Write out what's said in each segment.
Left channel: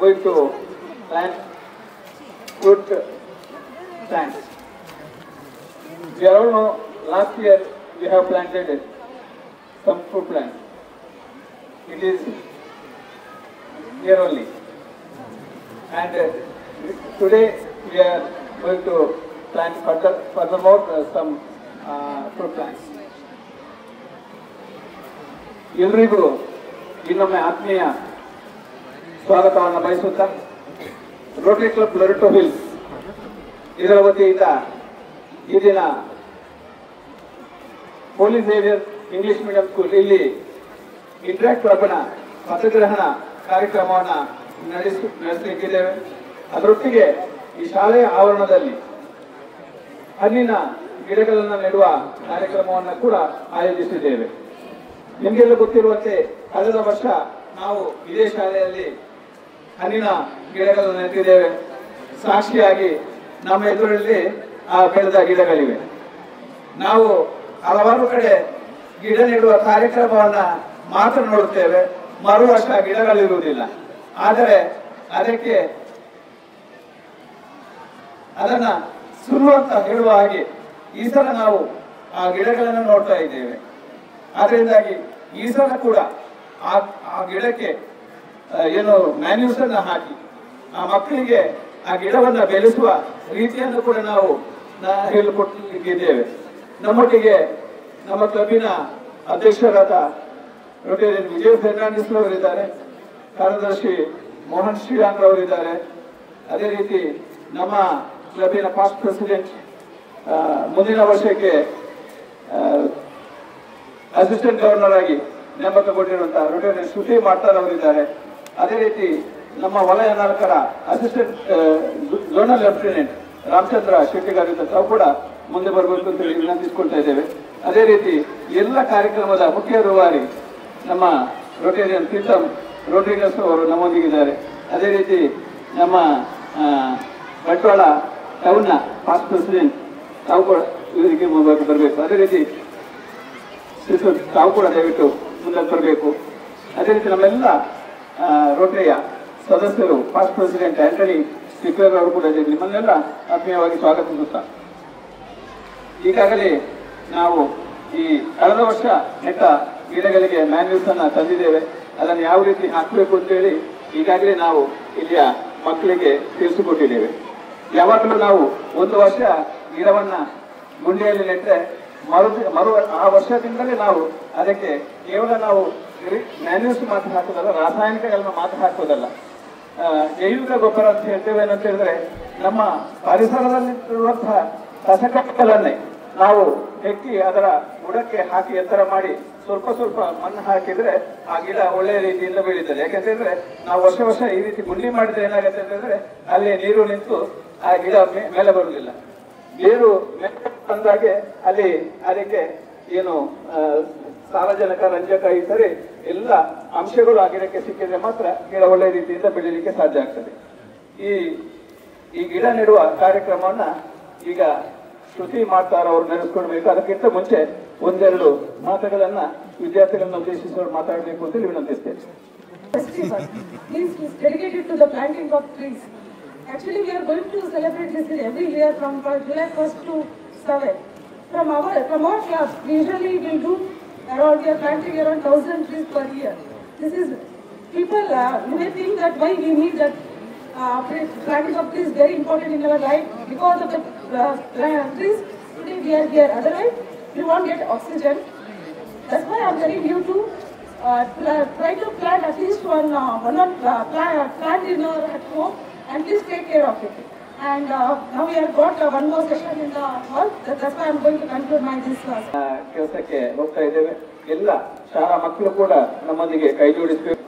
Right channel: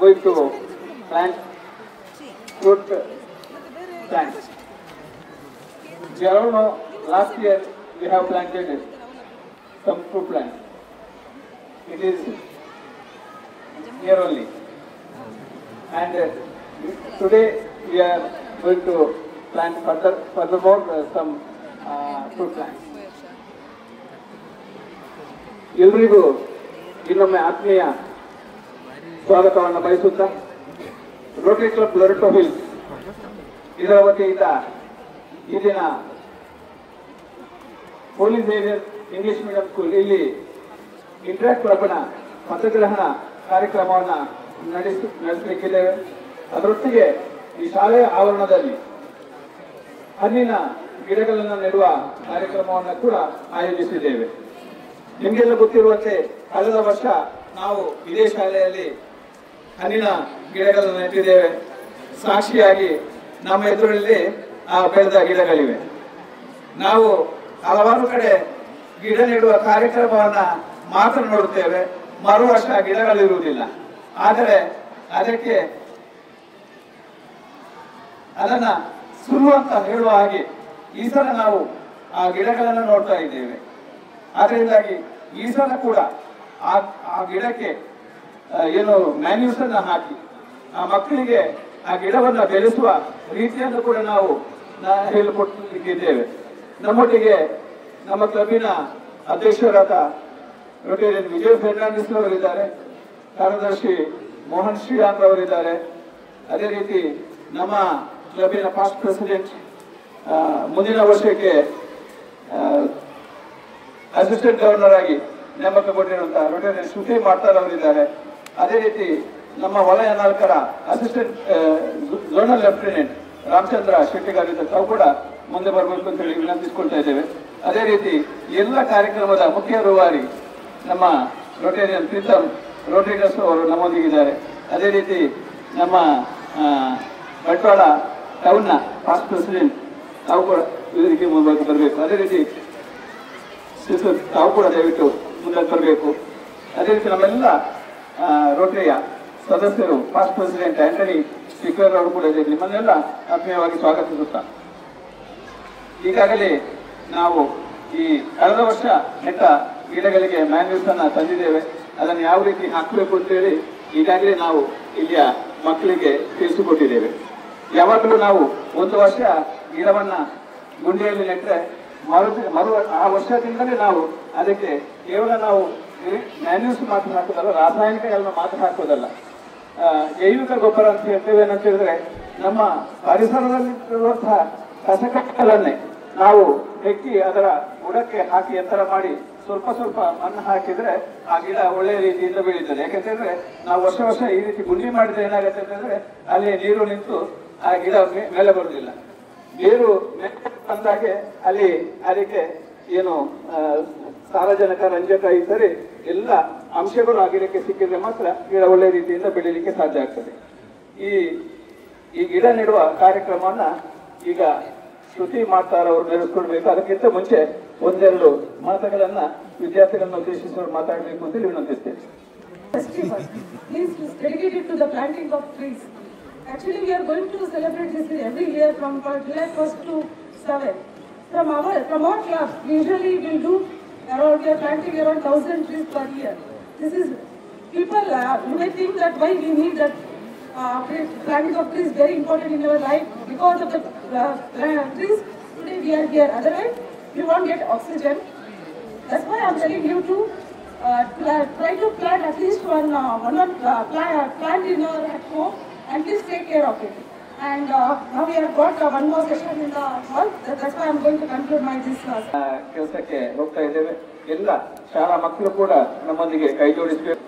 going to plant fruit plants. We all know last year we have planted some fruit plants. It is here only. And today we are going to plant furthermore some fruit plants. ಎಲ್ರಿಗೂ ಇನ್ನೊಮ್ಮೆ ಆತ್ಮೀಯ ಸ್ವಾಗತವನ್ನು ಬಯಸುತ್ತಾ Rotary club Loretto ಹಿಲ್ಸ್ ಇದರ ವತಿಯಿಂದ ಈ ದಿನ ಹೋಲಿ Xavier English medium school ಇಲ್ಲಿ ಇಂಟ್ರಾಕ್ಟ್ ಕ್ಲಬ್ನ ಪಥಗ್ರಹಣ ಕಾರ್ಯಕ್ರಮವನ್ನು ನಡೆಸಲಿಕ್ಕಿದ್ದೇವೆ. ಅದರೊಟ್ಟಿಗೆ ಈ ಶಾಲೆಯ ಆವರಣದಲ್ಲಿ ಹಣ್ಣಿನ ಗಿಡಗಳನ್ನು ನೆಡುವ ಕಾರ್ಯಕ್ರಮವನ್ನು ಕೂಡ ಆಯೋಜಿಸಿದ್ದೇವೆ. ನಿಮಗೆಲ್ಲ ಗೊತ್ತಿರುವಂತೆ ಕಳೆದ ವರ್ಷ ನಾವು ಇದೇ ಶಾಲೆಯಲ್ಲಿ ಹಣ್ಣಿನ ಗಿಡಗಳನ್ನು ನೆಟ್ಟಿದ್ದೇವೆ. ಸಾಕ್ಷಿಯಾಗಿ ನಮ್ಮ ಎದುರಲ್ಲಿ ಬೆಳೆದ ಗಿಡಗಳಿವೆ. ನಾವು ಹಲವಾರು ಕಡೆ ಗಿಡ ನೆಡುವ ಕಾರ್ಯಕ್ರಮವನ್ನ ಮಾತ್ರ ನೋಡುತ್ತೇವೆ, ಮರು ವರ್ಷ ಗಿಡಗಳಿರುವುದಿಲ್ಲ. ಆದರೆ ಅದನ್ನ ಸುಳ್ಳು ಅಂತ ಹೇಳುವ ಹಾಗೆ ಈ ಸಲ ನಾವು ಆ ಗಿಡಗಳನ್ನು ನೋಡ್ತಾ ಇದ್ದೇವೆ. ಆದ್ದರಿಂದಾಗಿ ಈ ಸಲ ಕೂಡ ಆ ಗಿಡಕ್ಕೆ ಏನು ಮ್ಯಾನ್ಯೂಸ್ ಅನ್ನ ಹಾಕಿ ಆ ಮಕ್ಕಳಿಗೆ ಆ ಗಿಡವನ್ನು ಬೆಳೆಸುವ ರೀತಿಯನ್ನು ಕೂಡ ನಾವು ಹೇಳಿಕೊಟ್ಟಿದ್ದೇವೆ. ನಮ್ಮೊಟ್ಟಿಗೆ ನಮ್ಮ ಕ್ಲಬ್ಬಿನ ಅಧ್ಯಕ್ಷರಾದ ರೊಟೇರಿಯನ್ ವಿಜಯ್ ಫೆರ್ನಾಂಡಿಸ್ ಅವರಿದ್ದಾರೆ, ಕಾರ್ಯದರ್ಶಿ ಮೋಹನ್ ಶ್ರೀರಾಮ್ ಅವರಿದ್ದಾರೆ. ಅದೇ ರೀತಿ ನಮ್ಮ ಕ್ಲಬ್ಬಿನ ಪಾಸ್ಟ್ ಪ್ರೆಸಿಡೆಂಟ್ ಮುಂದಿನ ವರ್ಷಕ್ಕೆ ಅಸಿಸ್ಟೆಂಟ್ ಗವರ್ನರ್ ಆಗಿ ನೇಮಕಗೊಂಡಿರುವಂತಹ ರೊಟೇರಿಯನ್ ಶ್ರುತಿ ಮಾಡ್ತಾರ್ ಅವರಿದ್ದಾರೆ. ಅದೇ ರೀತಿ ನಮ್ಮ ವಲಯ ನಾಯಕರ ಅಸಿಸ್ಟೆಂಟ್ ಝೋನಲ್ ಲೆಫ್ಟಿನೆಂಟ್ ರಾಮಚಂದ್ರ ಶೆಟ್ಟಿಗಾರಿದ್ದ ತಾವು ಕೂಡ ಮುಂದೆ ಬರಬೇಕು ಅಂತ ಹೇಳಿ ವಿನಂತಿಸಿಕೊಳ್ತಾ ಇದ್ದೇವೆ. ಅದೇ ರೀತಿ ಎಲ್ಲ ಕಾರ್ಯಕ್ರಮದ ಮುಖ್ಯ ರೂವಾರಿ ನಮ್ಮ ರೊಟೇರಿಯನ್ ಪ್ರೀತಮ್ ರೋಡ್ರಿಗಸ್ ಅವರು ನಮ್ಮೊಂದಿಗಿದ್ದಾರೆ. ಅದೇ ರೀತಿ ನಮ್ಮ ಬಂಟ್ವಾಳ ಟೌನ್ನ ಪಾಸ್ಟ್ ಪ್ರೆಸಿಡೆಂಟ್ ತಾವು ಕೂಡ ಇದಕ್ಕೆ ಮುಂದೆ ಬರಬೇಕು. ಅದೇ ರೀತಿ ತಾವು ಕೂಡ ದಯವಿಟ್ಟು ಮುಂದೆ ಬರಬೇಕು. ಅದೇ ರೀತಿ ನಮ್ಮೆಲ್ಲ ರೋಟರಿಯ ಸದಸ್ಯರು ಪಾಸ್ಟ್ ಪ್ರೆಸಿಡೆಂಟ್ ಆಂಟನಿ ಸಿಕ್ವೇರ್ ಅವರು ಕೂಡ ಇದೆ. ನಿಮ್ಮನ್ನೆಲ್ಲ ಆತ್ಮೀಯವಾಗಿ ಸ್ವಾಗತಿಸುತ್ತಾ ಈಗಾಗಲೇ ನಾವು ಈ ಕಳೆದ ವರ್ಷ ನೆಟ್ಟ ಗಿಡಗಳಿಗೆ ಮ್ಯಾನ್ಯೂಸ್ ಅನ್ನ ತಂದಿದ್ದೇವೆ. ಅದನ್ನು ಯಾವ ರೀತಿ ಹಾಕಬೇಕು ಅಂತೇಳಿ ಈಗಾಗಲೇ ನಾವು ಇಲ್ಲಿಯ ಮಕ್ಕಳಿಗೆ ತಿಳಿಸಿಕೊಟ್ಟಿದ್ದೇವೆ. ಯಾವಾಗಲೂ ನಾವು ಒಂದು ವರ್ಷ ಗಿಡವನ್ನ ಗುಂಡಿಯಲ್ಲಿ ನೆಟ್ಟರೆ ಆ ವರ್ಷದಿಂದಲೇ ನಾವು ಅದಕ್ಕೆ ಕೇವಲ ನಾವು ಮ್ಯಾನ್ಯೂಸ್ ಮಾತ್ರ ಹಾಕೋದಲ್ಲ, ರಾಸಾಯನಿಕಗಳನ್ನ ಮಾತ್ರ ಹಾಕೋದಲ್ಲ, ಜೈವಿಕ ಗೊಬ್ಬರ ಅಂತ ಹೇಳ್ತೇವೆ. ಏನಂತ ಹೇಳಿದ್ರೆ ನಮ್ಮ ಪರಿಸರದಲ್ಲಿರುವಂತಹ ಕಸಕಟ್ಟಗಳನ್ನೇ ನಾವು ಹೆಕ್ಕಿ ಅದರ ಬುಡಕ್ಕೆ ಹಾಕಿ ಎತ್ತರ ಮಾಡಿ ಸ್ವಲ್ಪ ಸ್ವಲ್ಪ ಮಣ್ಣು ಹಾಕಿದ್ರೆ ಆ ಗಿಡ ಒಳ್ಳೆಯ ರೀತಿಯಿಂದ ಬೆಳೀತದೆ. ಯಾಕಂತಂದ್ರೆ ನಾವು ವರ್ಷ ಈ ರೀತಿ ಗುಂಡಿ ಮಾಡಿದ್ರೆ ಏನಾಗುತ್ತೆ ಅಂತಂದ್ರೆ ಅಲ್ಲಿ ನೀರು ನಿಂತು ಆ ಗಿಡ ಮೇಲೆ ಬರುವುದಿಲ್ಲ. ಬೇರು ಅಂದಾಗೆ ಅಲ್ಲಿ ಅದಕ್ಕೆ ಏನು ಸಾರಜನಕ, ರಂಜಕ ಇದ್ದರೆ ಎಲ್ಲ ಅಂಶಗಳು ಆ ಗಿಡಕ್ಕೆ ಸಿಕ್ಕಿದ್ರೆ ಮಾತ್ರ ಗಿಡ ಒಳ್ಳೆಯ ರೀತಿಯಿಂದ ಬೆಳೀಲಿಕ್ಕೆ ಸಾಧ್ಯ ಆಗ್ತದೆ. ಈ ಗಿಡ ನೆಡುವ ಕಾರ್ಯಕ್ರಮವನ್ನ ಈಗ ಶ್ರುತಿ ಮಾಡ್ತಾರ ಅವರು ನಡೆಸ್ಕೊಳ್ಬೇಕು. ಅದಕ್ಕಿಂತ ಮುಂಚೆ ಒಂದೆರಡು ಮಾತುಗಳನ್ನ ವಿದ್ಯಾರ್ಥಿಗಳನ್ನ ಉದ್ದೇಶಿಸಿ ಮಾತಾಡಬೇಕು ಅಂತ ವಿನಂತಿಸ್ತೇನೆ. Actually, we are going to celebrate this every year from July 1st to 7th. From our club, usually we do around, we are planting around 1,000 trees per year. This is, people may think that why we need that planting of trees very important in our life. Because of the trees, today we are here. Otherwise, we won't get oxygen. That's why I'm telling you to try to plant at least one plant in your at home. And please take care of it. And now we have got one more session in the hall. That's why I'm going to conclude my this class. ಕೆಲಸಕ್ಕೆ ಹೋಗ್ತಾ ಇದ್ದೇವೆ. ಎಲ್ಲ ಶಾಲಾ ಮಕ್ಕಳು ಕೂಡ ನಮ್ಮೊಂದಿಗೆ ಕೈ ಜೋಡಿಸಬೇಕು.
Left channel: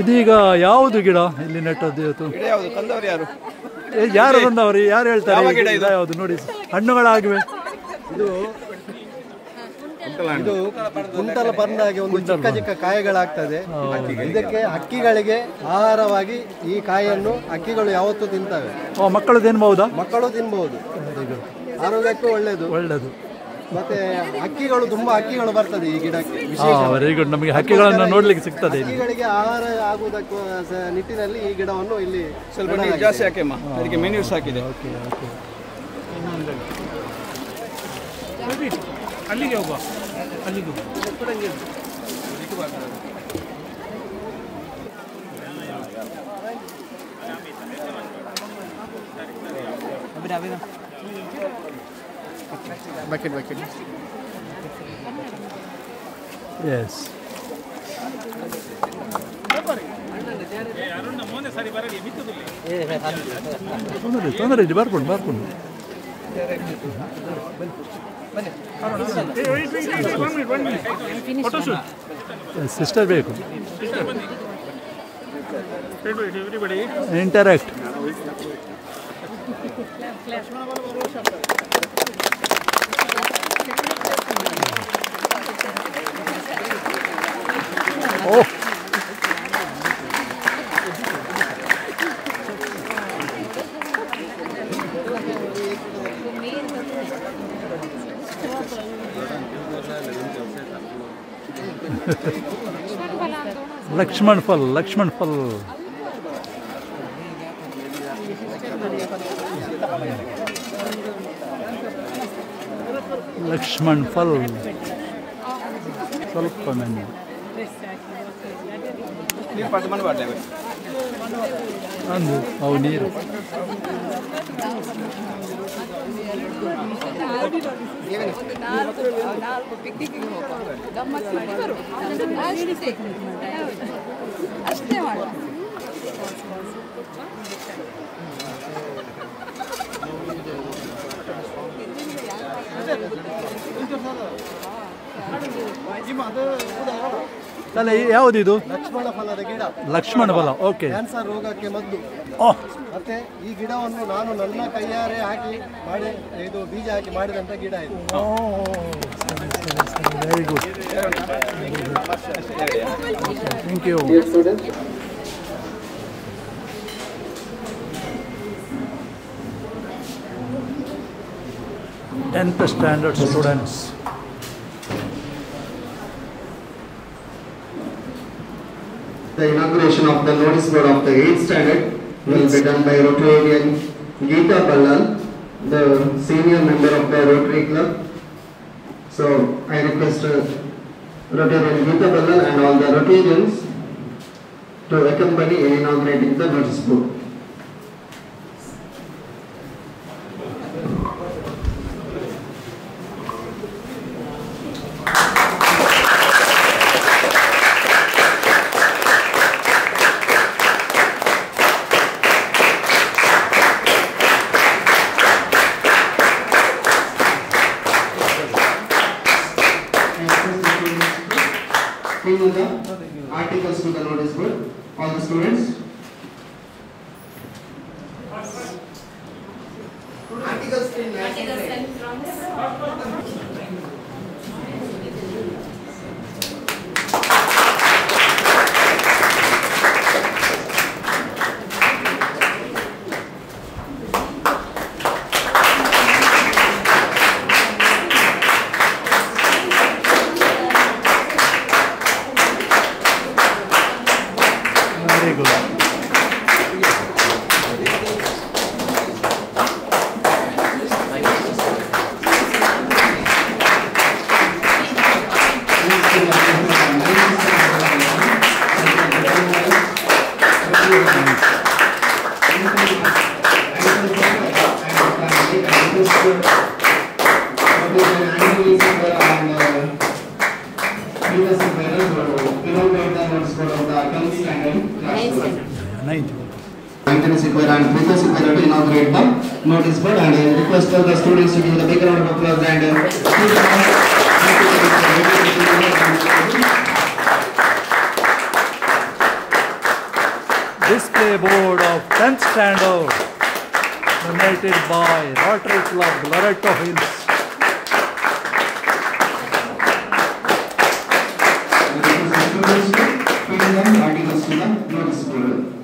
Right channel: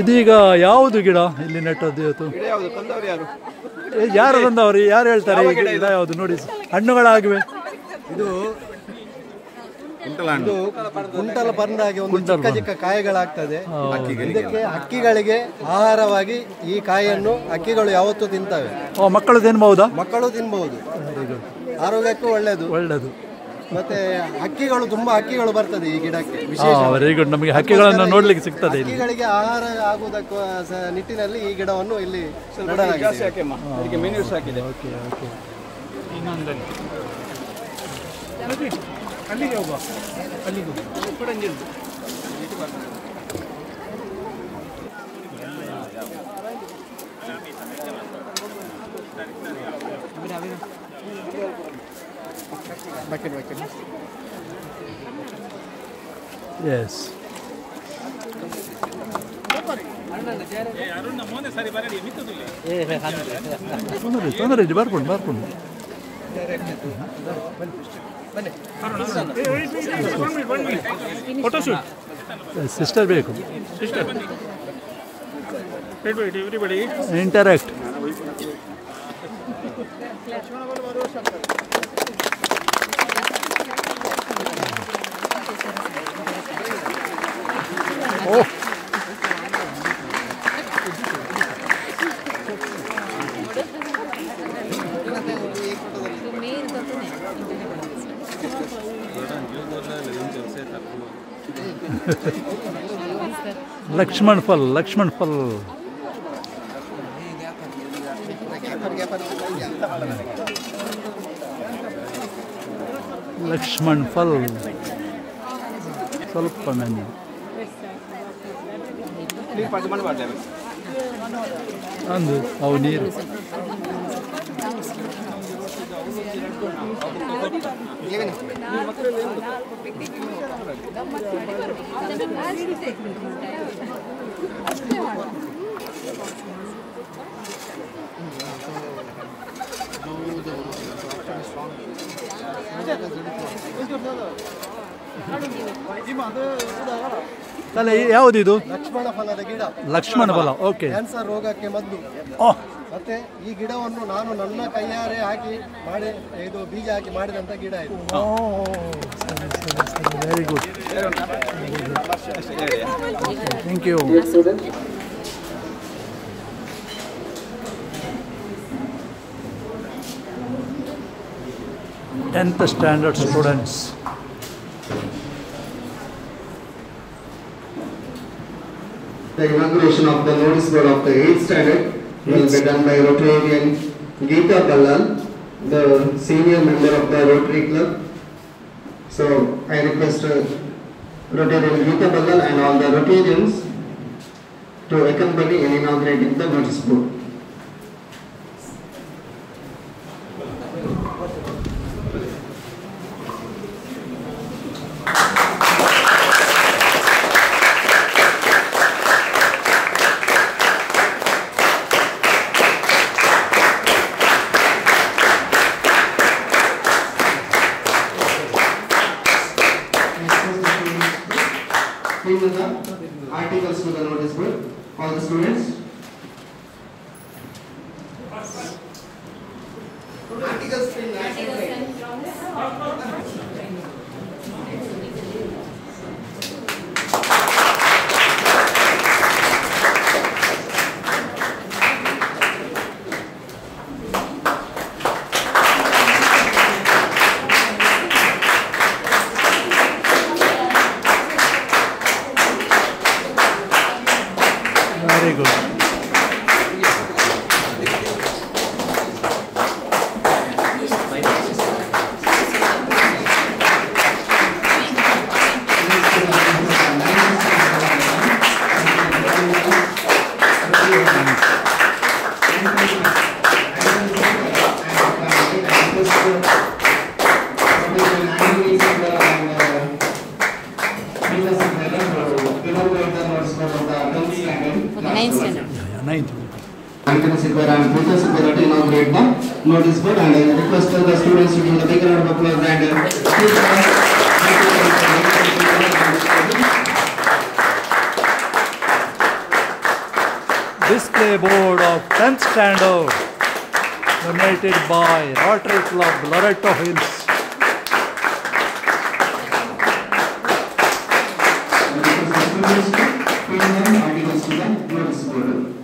ಇದೀಗ ಯಾವುದು ಗಿಡ ಇಲ್ಲಿ ನೆಟ್ಟದ್ದು ಇವತ್ತು? ಯಾರು ತಂದವರು? ಯಾರು ಹೇಳ್ತಾರೆ ಗಿಡ ಯಾವುದು? ನೋಡಿ, ಹಣ್ಣುಗಳಾಗಿವೆ. ಇದು ಕುಂಟಲ ಪರ್ಣಾಗಿ ಒಂದು ಚಿಕ್ಕ ಚಿಕ್ಕ ಕಾಯಿಗಳಾಗ್ತದೆ. ಇದಕ್ಕೆ ಹಕ್ಕಿಗಳಿಗೆ ಆಹಾರವಾಗಿ ಈ ಕಾಯಿಯನ್ನು ಹಕ್ಕಿಗಳು ಯಾವತ್ತೂ ತಿಂತವೆ. ಮಕ್ಕಳು ತಿನ್ಬಹುದಾ? ಮಕ್ಕಳು ತಿನ್ಬಹುದು. ಆರೋಗ್ಯಕ್ಕೂ ಒಳ್ಳೆಯದು. ಮತ್ತೆ ಹಕ್ಕಿಗಳು ತುಂಬಾ ಹಕ್ಕಿಗಳು ಬರ್ತದೆ ಈ ಗಿಡಕ್ಕೆ. Very good. ನಮಗೆ ಹಕ್ಕಿಗಳನ್ನು ನೋಡ್ಲಿಕ್ಕೆ ಸಿಗ್ತದೆ. ಹಕ್ಕಿಗಳಿಗೆ ಆಹಾರ ಆಗುವುದಕ್ಕೂ ನಿಟ್ಟಿನಲ್ಲಿ ಈ ಗಿಡವನ್ನು ಇಲ್ಲಿ ಜಾಸ್ತಿ ಹಾಕಿಮ್ಮ, ಅದಕ್ಕೆ ಮೆನ್ಯೂಸ್ ಹಾಕಿದೆ. Okay okay. ಅಲ್ಲಿಗೆ ಹೋಗುವ, ಅಲ್ಲಿಗೆ ಬಕೆಟ್. ಎಸ್. ತೊಂದರೆ ಇದೆ, ಬರ್ಕೊಂಡು ಸಿಸ್ಟರ್ ಬೇಕು. ಇಂಟರಾಕ್ಟ್. ಓ, ಲಕ್ಷ್ಮಣ್ ಫಲ್. ಲಕ್ಷ್ಮಣ್ ಫಲ್ ಸ್ವಲ್ಪ ನನ್ನ ಅಂದು ಅವು ನೀರು. ತಲೆ ಯಾವುದಿದು? ಲಕ್ಷ್ಮಣ ಫಲದ ಗಿಡ. ಲಕ್ಷ್ಮಣ ಫಲ. ಓಕೆ. ಕ್ಯಾನ್ಸರ್ ರೋಗಕ್ಕೆ ಮದ್ದು. ಮತ್ತೆ ಈ ಗಿಡವನ್ನು ನಾನು ನನ್ನ ಕೈಯಾರೆ ಹಾಕಿ ಮಾಡಿ, ಇದು ಬೀಜ ಹಾಕಿ ಮಾಡಿದಂತ ಗಿಡ ಇದು. Very good. Thank you. 10th standard students. The inauguration of the notice board of the 8th standard will be done by Rotarian Geeta Ballal, the senior member of the Rotary Club. So I request Rotarian Geeta Ballal and all the Rotarians to accompany in inaugurating the notice board. all the articles to the notice board. All the students. Articles Very good. Ninth. Maintenance Sikora and Princess Sikora to inaugurate the notice board, and I request the students to give a big round of applause and Display board of 10th standard donated by Rotary Club, Loreto Hills. articles to the notice board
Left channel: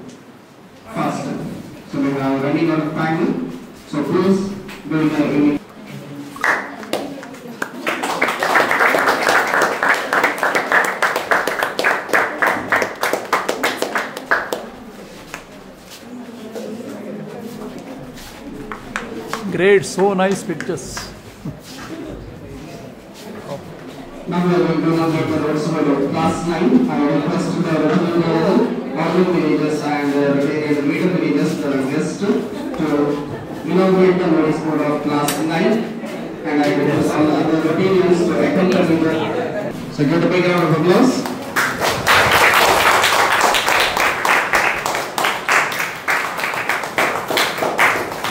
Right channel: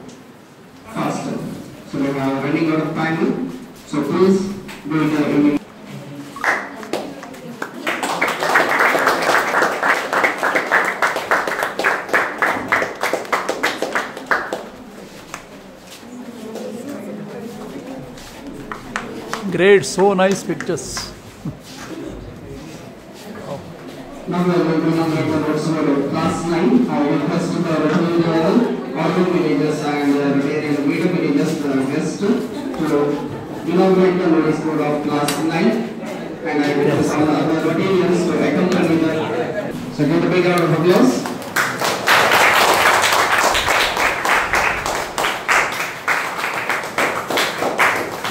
faster. So we are running out of time, so please do the Great, so nice pictures. Now we are going to inaugurate the notice board of class 9. I would request the Rotary level, audio managers and Rotarian media managers, the guests, to inaugurate the notice board of class 9. And I request all the other Rotarians to accompany the. So give a big round of applause.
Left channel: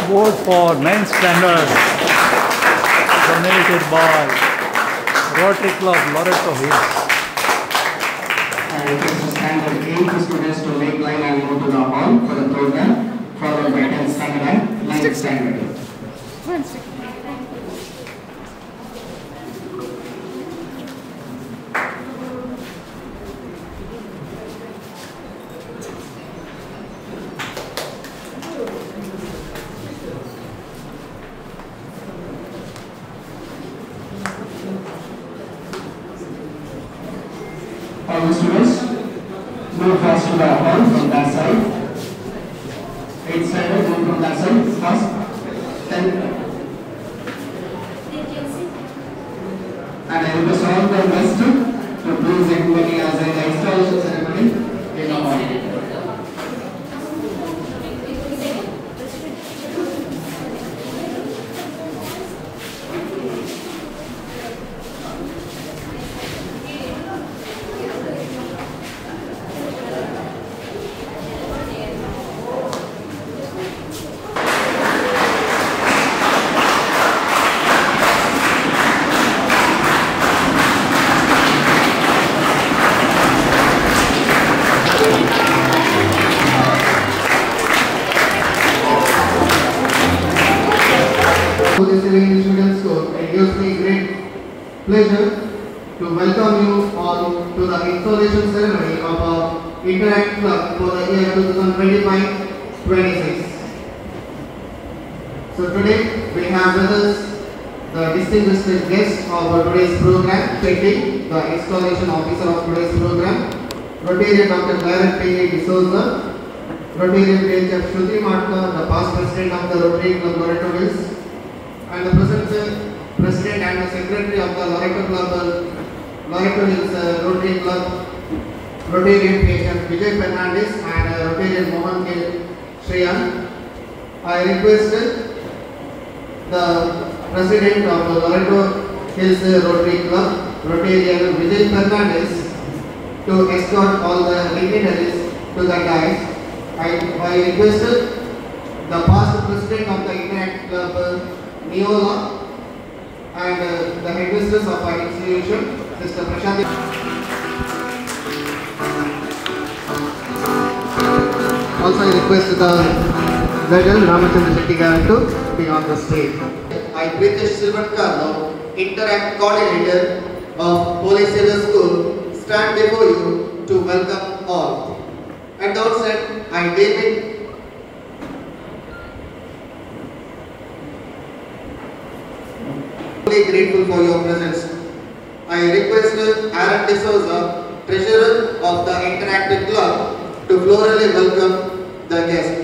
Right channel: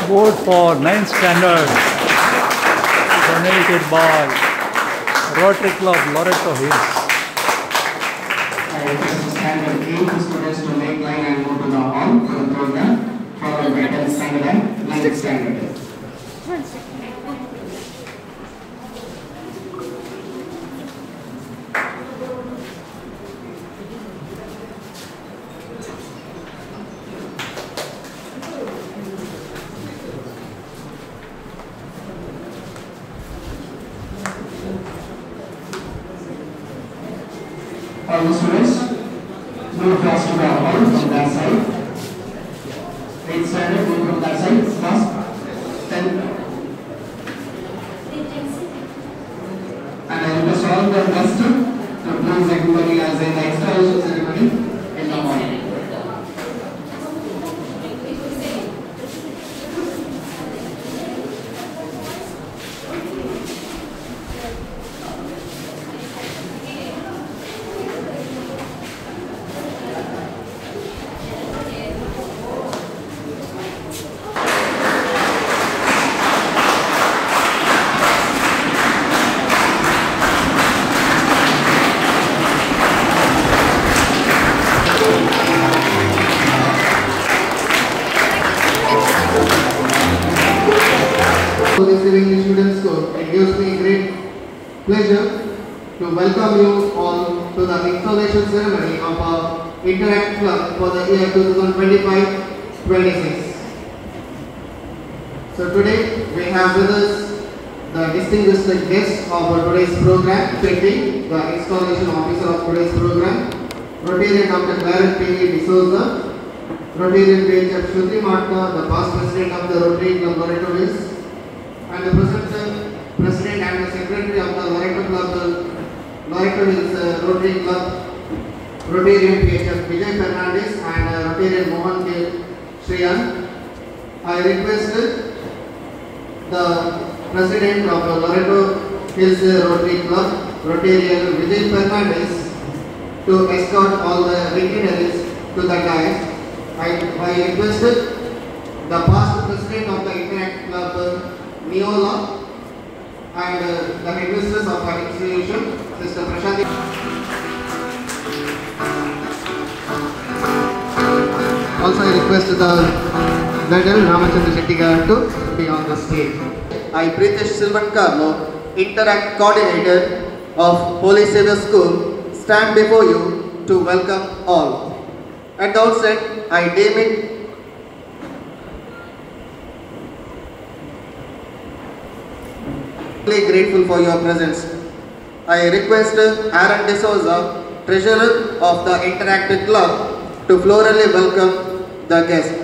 Board for 9th standard donated by Rotary Club, Loreto Hills. I request the standard 8 students to make line and go to the hall for the program, followed by 10th standard and 9th standard. All the students, move fast to the hall from that side. 8th standard, move from that side, fast. 10. And I request all the guests to please accompany as an installation ceremony in the hall. Listening students, so it gives me great pleasure to welcome you all to the installation ceremony of our Interact Club for the year 2025-26. So today we have with us the distinguished guest of today's program, Chetty, the installation officer of today's program, Rotarian Dr. Clarence P. D'Souza, Rotarian PHF Shruti Matka, the past president of the Rotary Club Loreto Hills, and the president and the secretary of the Loreto Club, Loreto Hills Rotary Club, Rotarian PHF Vijay Fernandez and Rotarian Mohan K. Shriyan. I requested the president of the Loreto Hills Rotary Club, Rotarian Vijay Fernandez, to escort all the dignitaries to the dais. I requested the past president of the Interact Club, Neola, and the headmistress of our institution, Sister Prashanti. Also, I request the Veteran Ramachandra Shetty to be on the stage. I, Pritesh Silvatkarno, Interact Coordinator of Holy Savior School, stand before you to welcome all. At the outset, I, David grateful for your presence. I request Aaron D'Souza, Treasurer of the Interactive Club, to florally welcome the guest.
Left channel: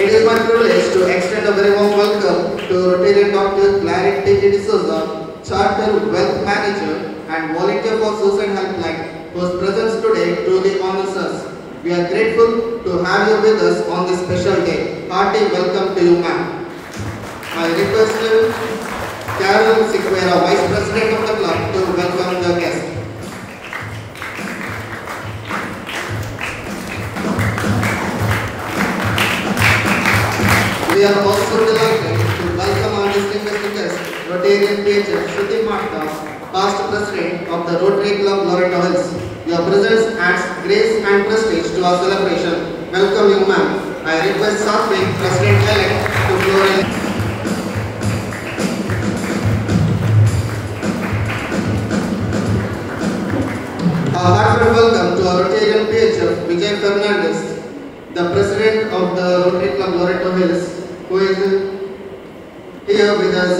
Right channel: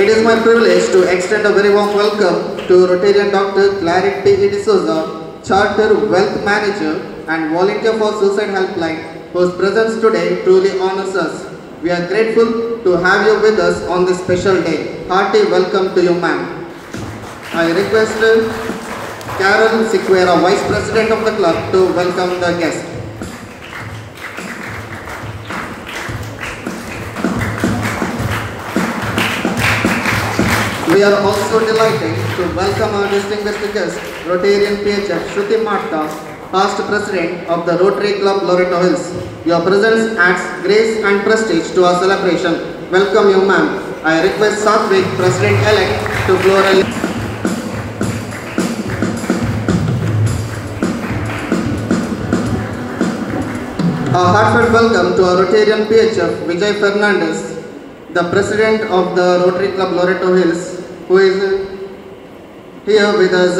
It is my privilege to extend a very warm welcome to Rotarian Dr. Claret P. D'Souza, Charter Wealth Manager and Volunteer for Suicide Helpline, whose presence today truly honors us. We are grateful to have you with us on this special day. Hearty welcome to you, ma'am. I request Carol Sequeira, Vice President of the club, to welcome the guest. We are also delighted to welcome our distinguished guest, Rotarian PHF Shruti Matta, past President of the Rotary Club Loreto Hills. Your presence adds grace and prestige to our celebration. Welcome you, ma'am. I request Satvik, President-elect, to florally. A heartfelt welcome to our Rotarian PHF, Vijay Fernandez, the President of the Rotary Club Loreto Hills, who is here with us.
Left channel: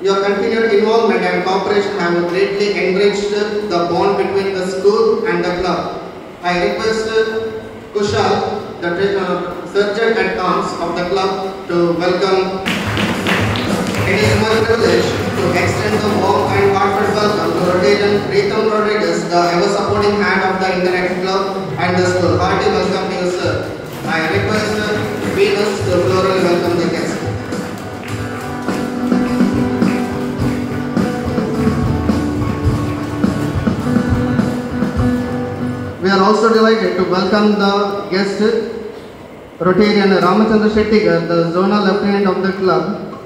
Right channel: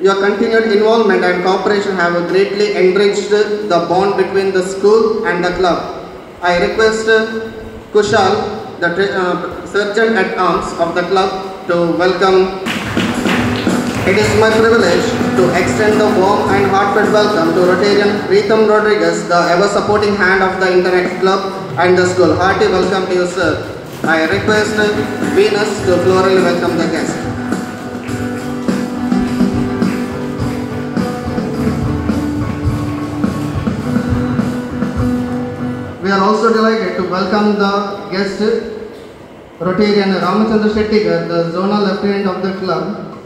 Your continued involvement and cooperation have greatly enriched the bond between the school and the club. I request Kushal, the Sergeant at Arms of the club, to welcome. It is my privilege to extend the warm and heartfelt welcome to Rotarian Preetham Rodriguez, the ever-supporting hand of the Interact Club and the school. Hearty welcome to you, sir. I request Venus to florally welcome the guest. We are also delighted to welcome the guest, Rotarian Ramachandra Shetty, the Zonal Lieutenant of the club.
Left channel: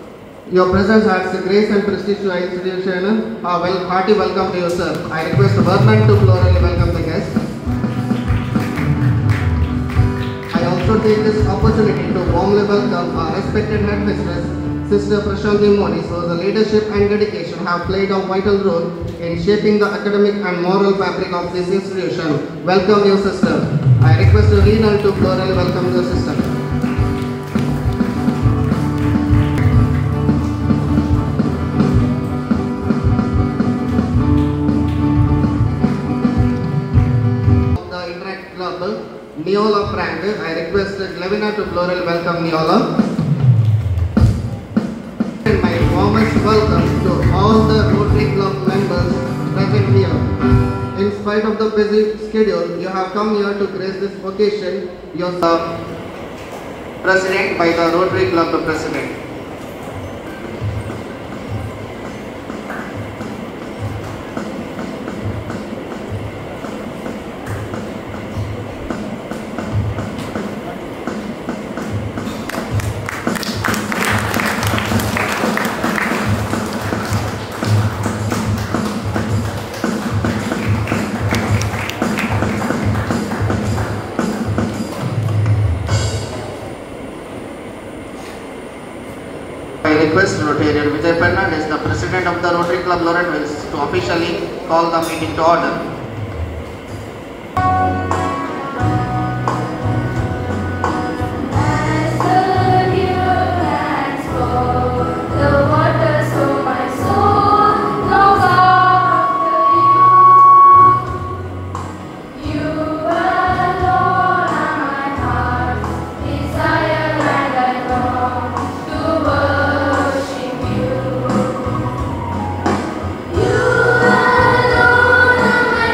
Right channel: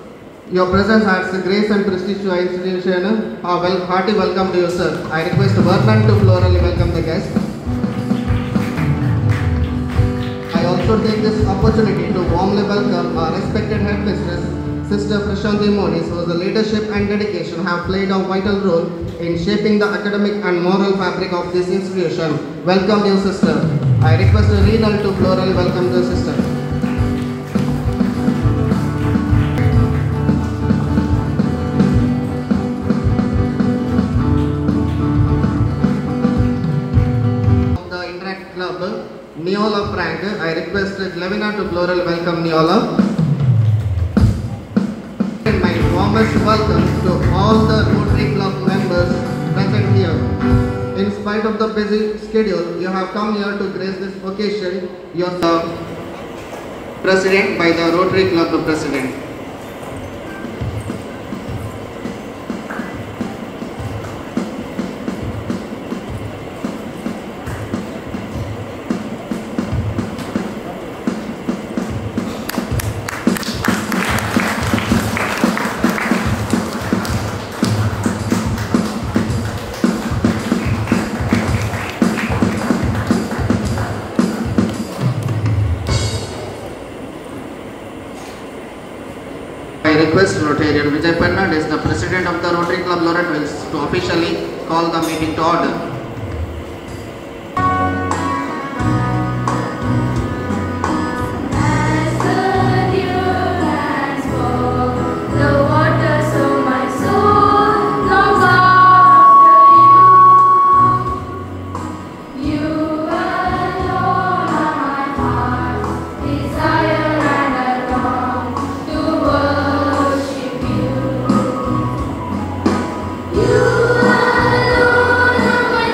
Your presence adds grace and prestige to our institution. Hearty welcome to you, sir. I request Vernon to florally welcome the guest. I also take this opportunity to warmly welcome our respected headmistress, Sister Prashanti Moni, whose leadership and dedication have played a vital role in shaping the academic and moral fabric of this institution. Welcome you, sister. I request Renal to florally welcome the sister. Of the Interact Club, Neola Frank, I request Glavina to florally welcome Neola. And my warmest welcome to all the Rotary Club members present here. In spite of the busy schedule, you have come here to grace this occasion. You are President by the Rotary Club, the President. I request Rotarian Vijay Fernandez, the President of the Rotary Club Loreto Hills, to officially call the meeting to order. You alone are my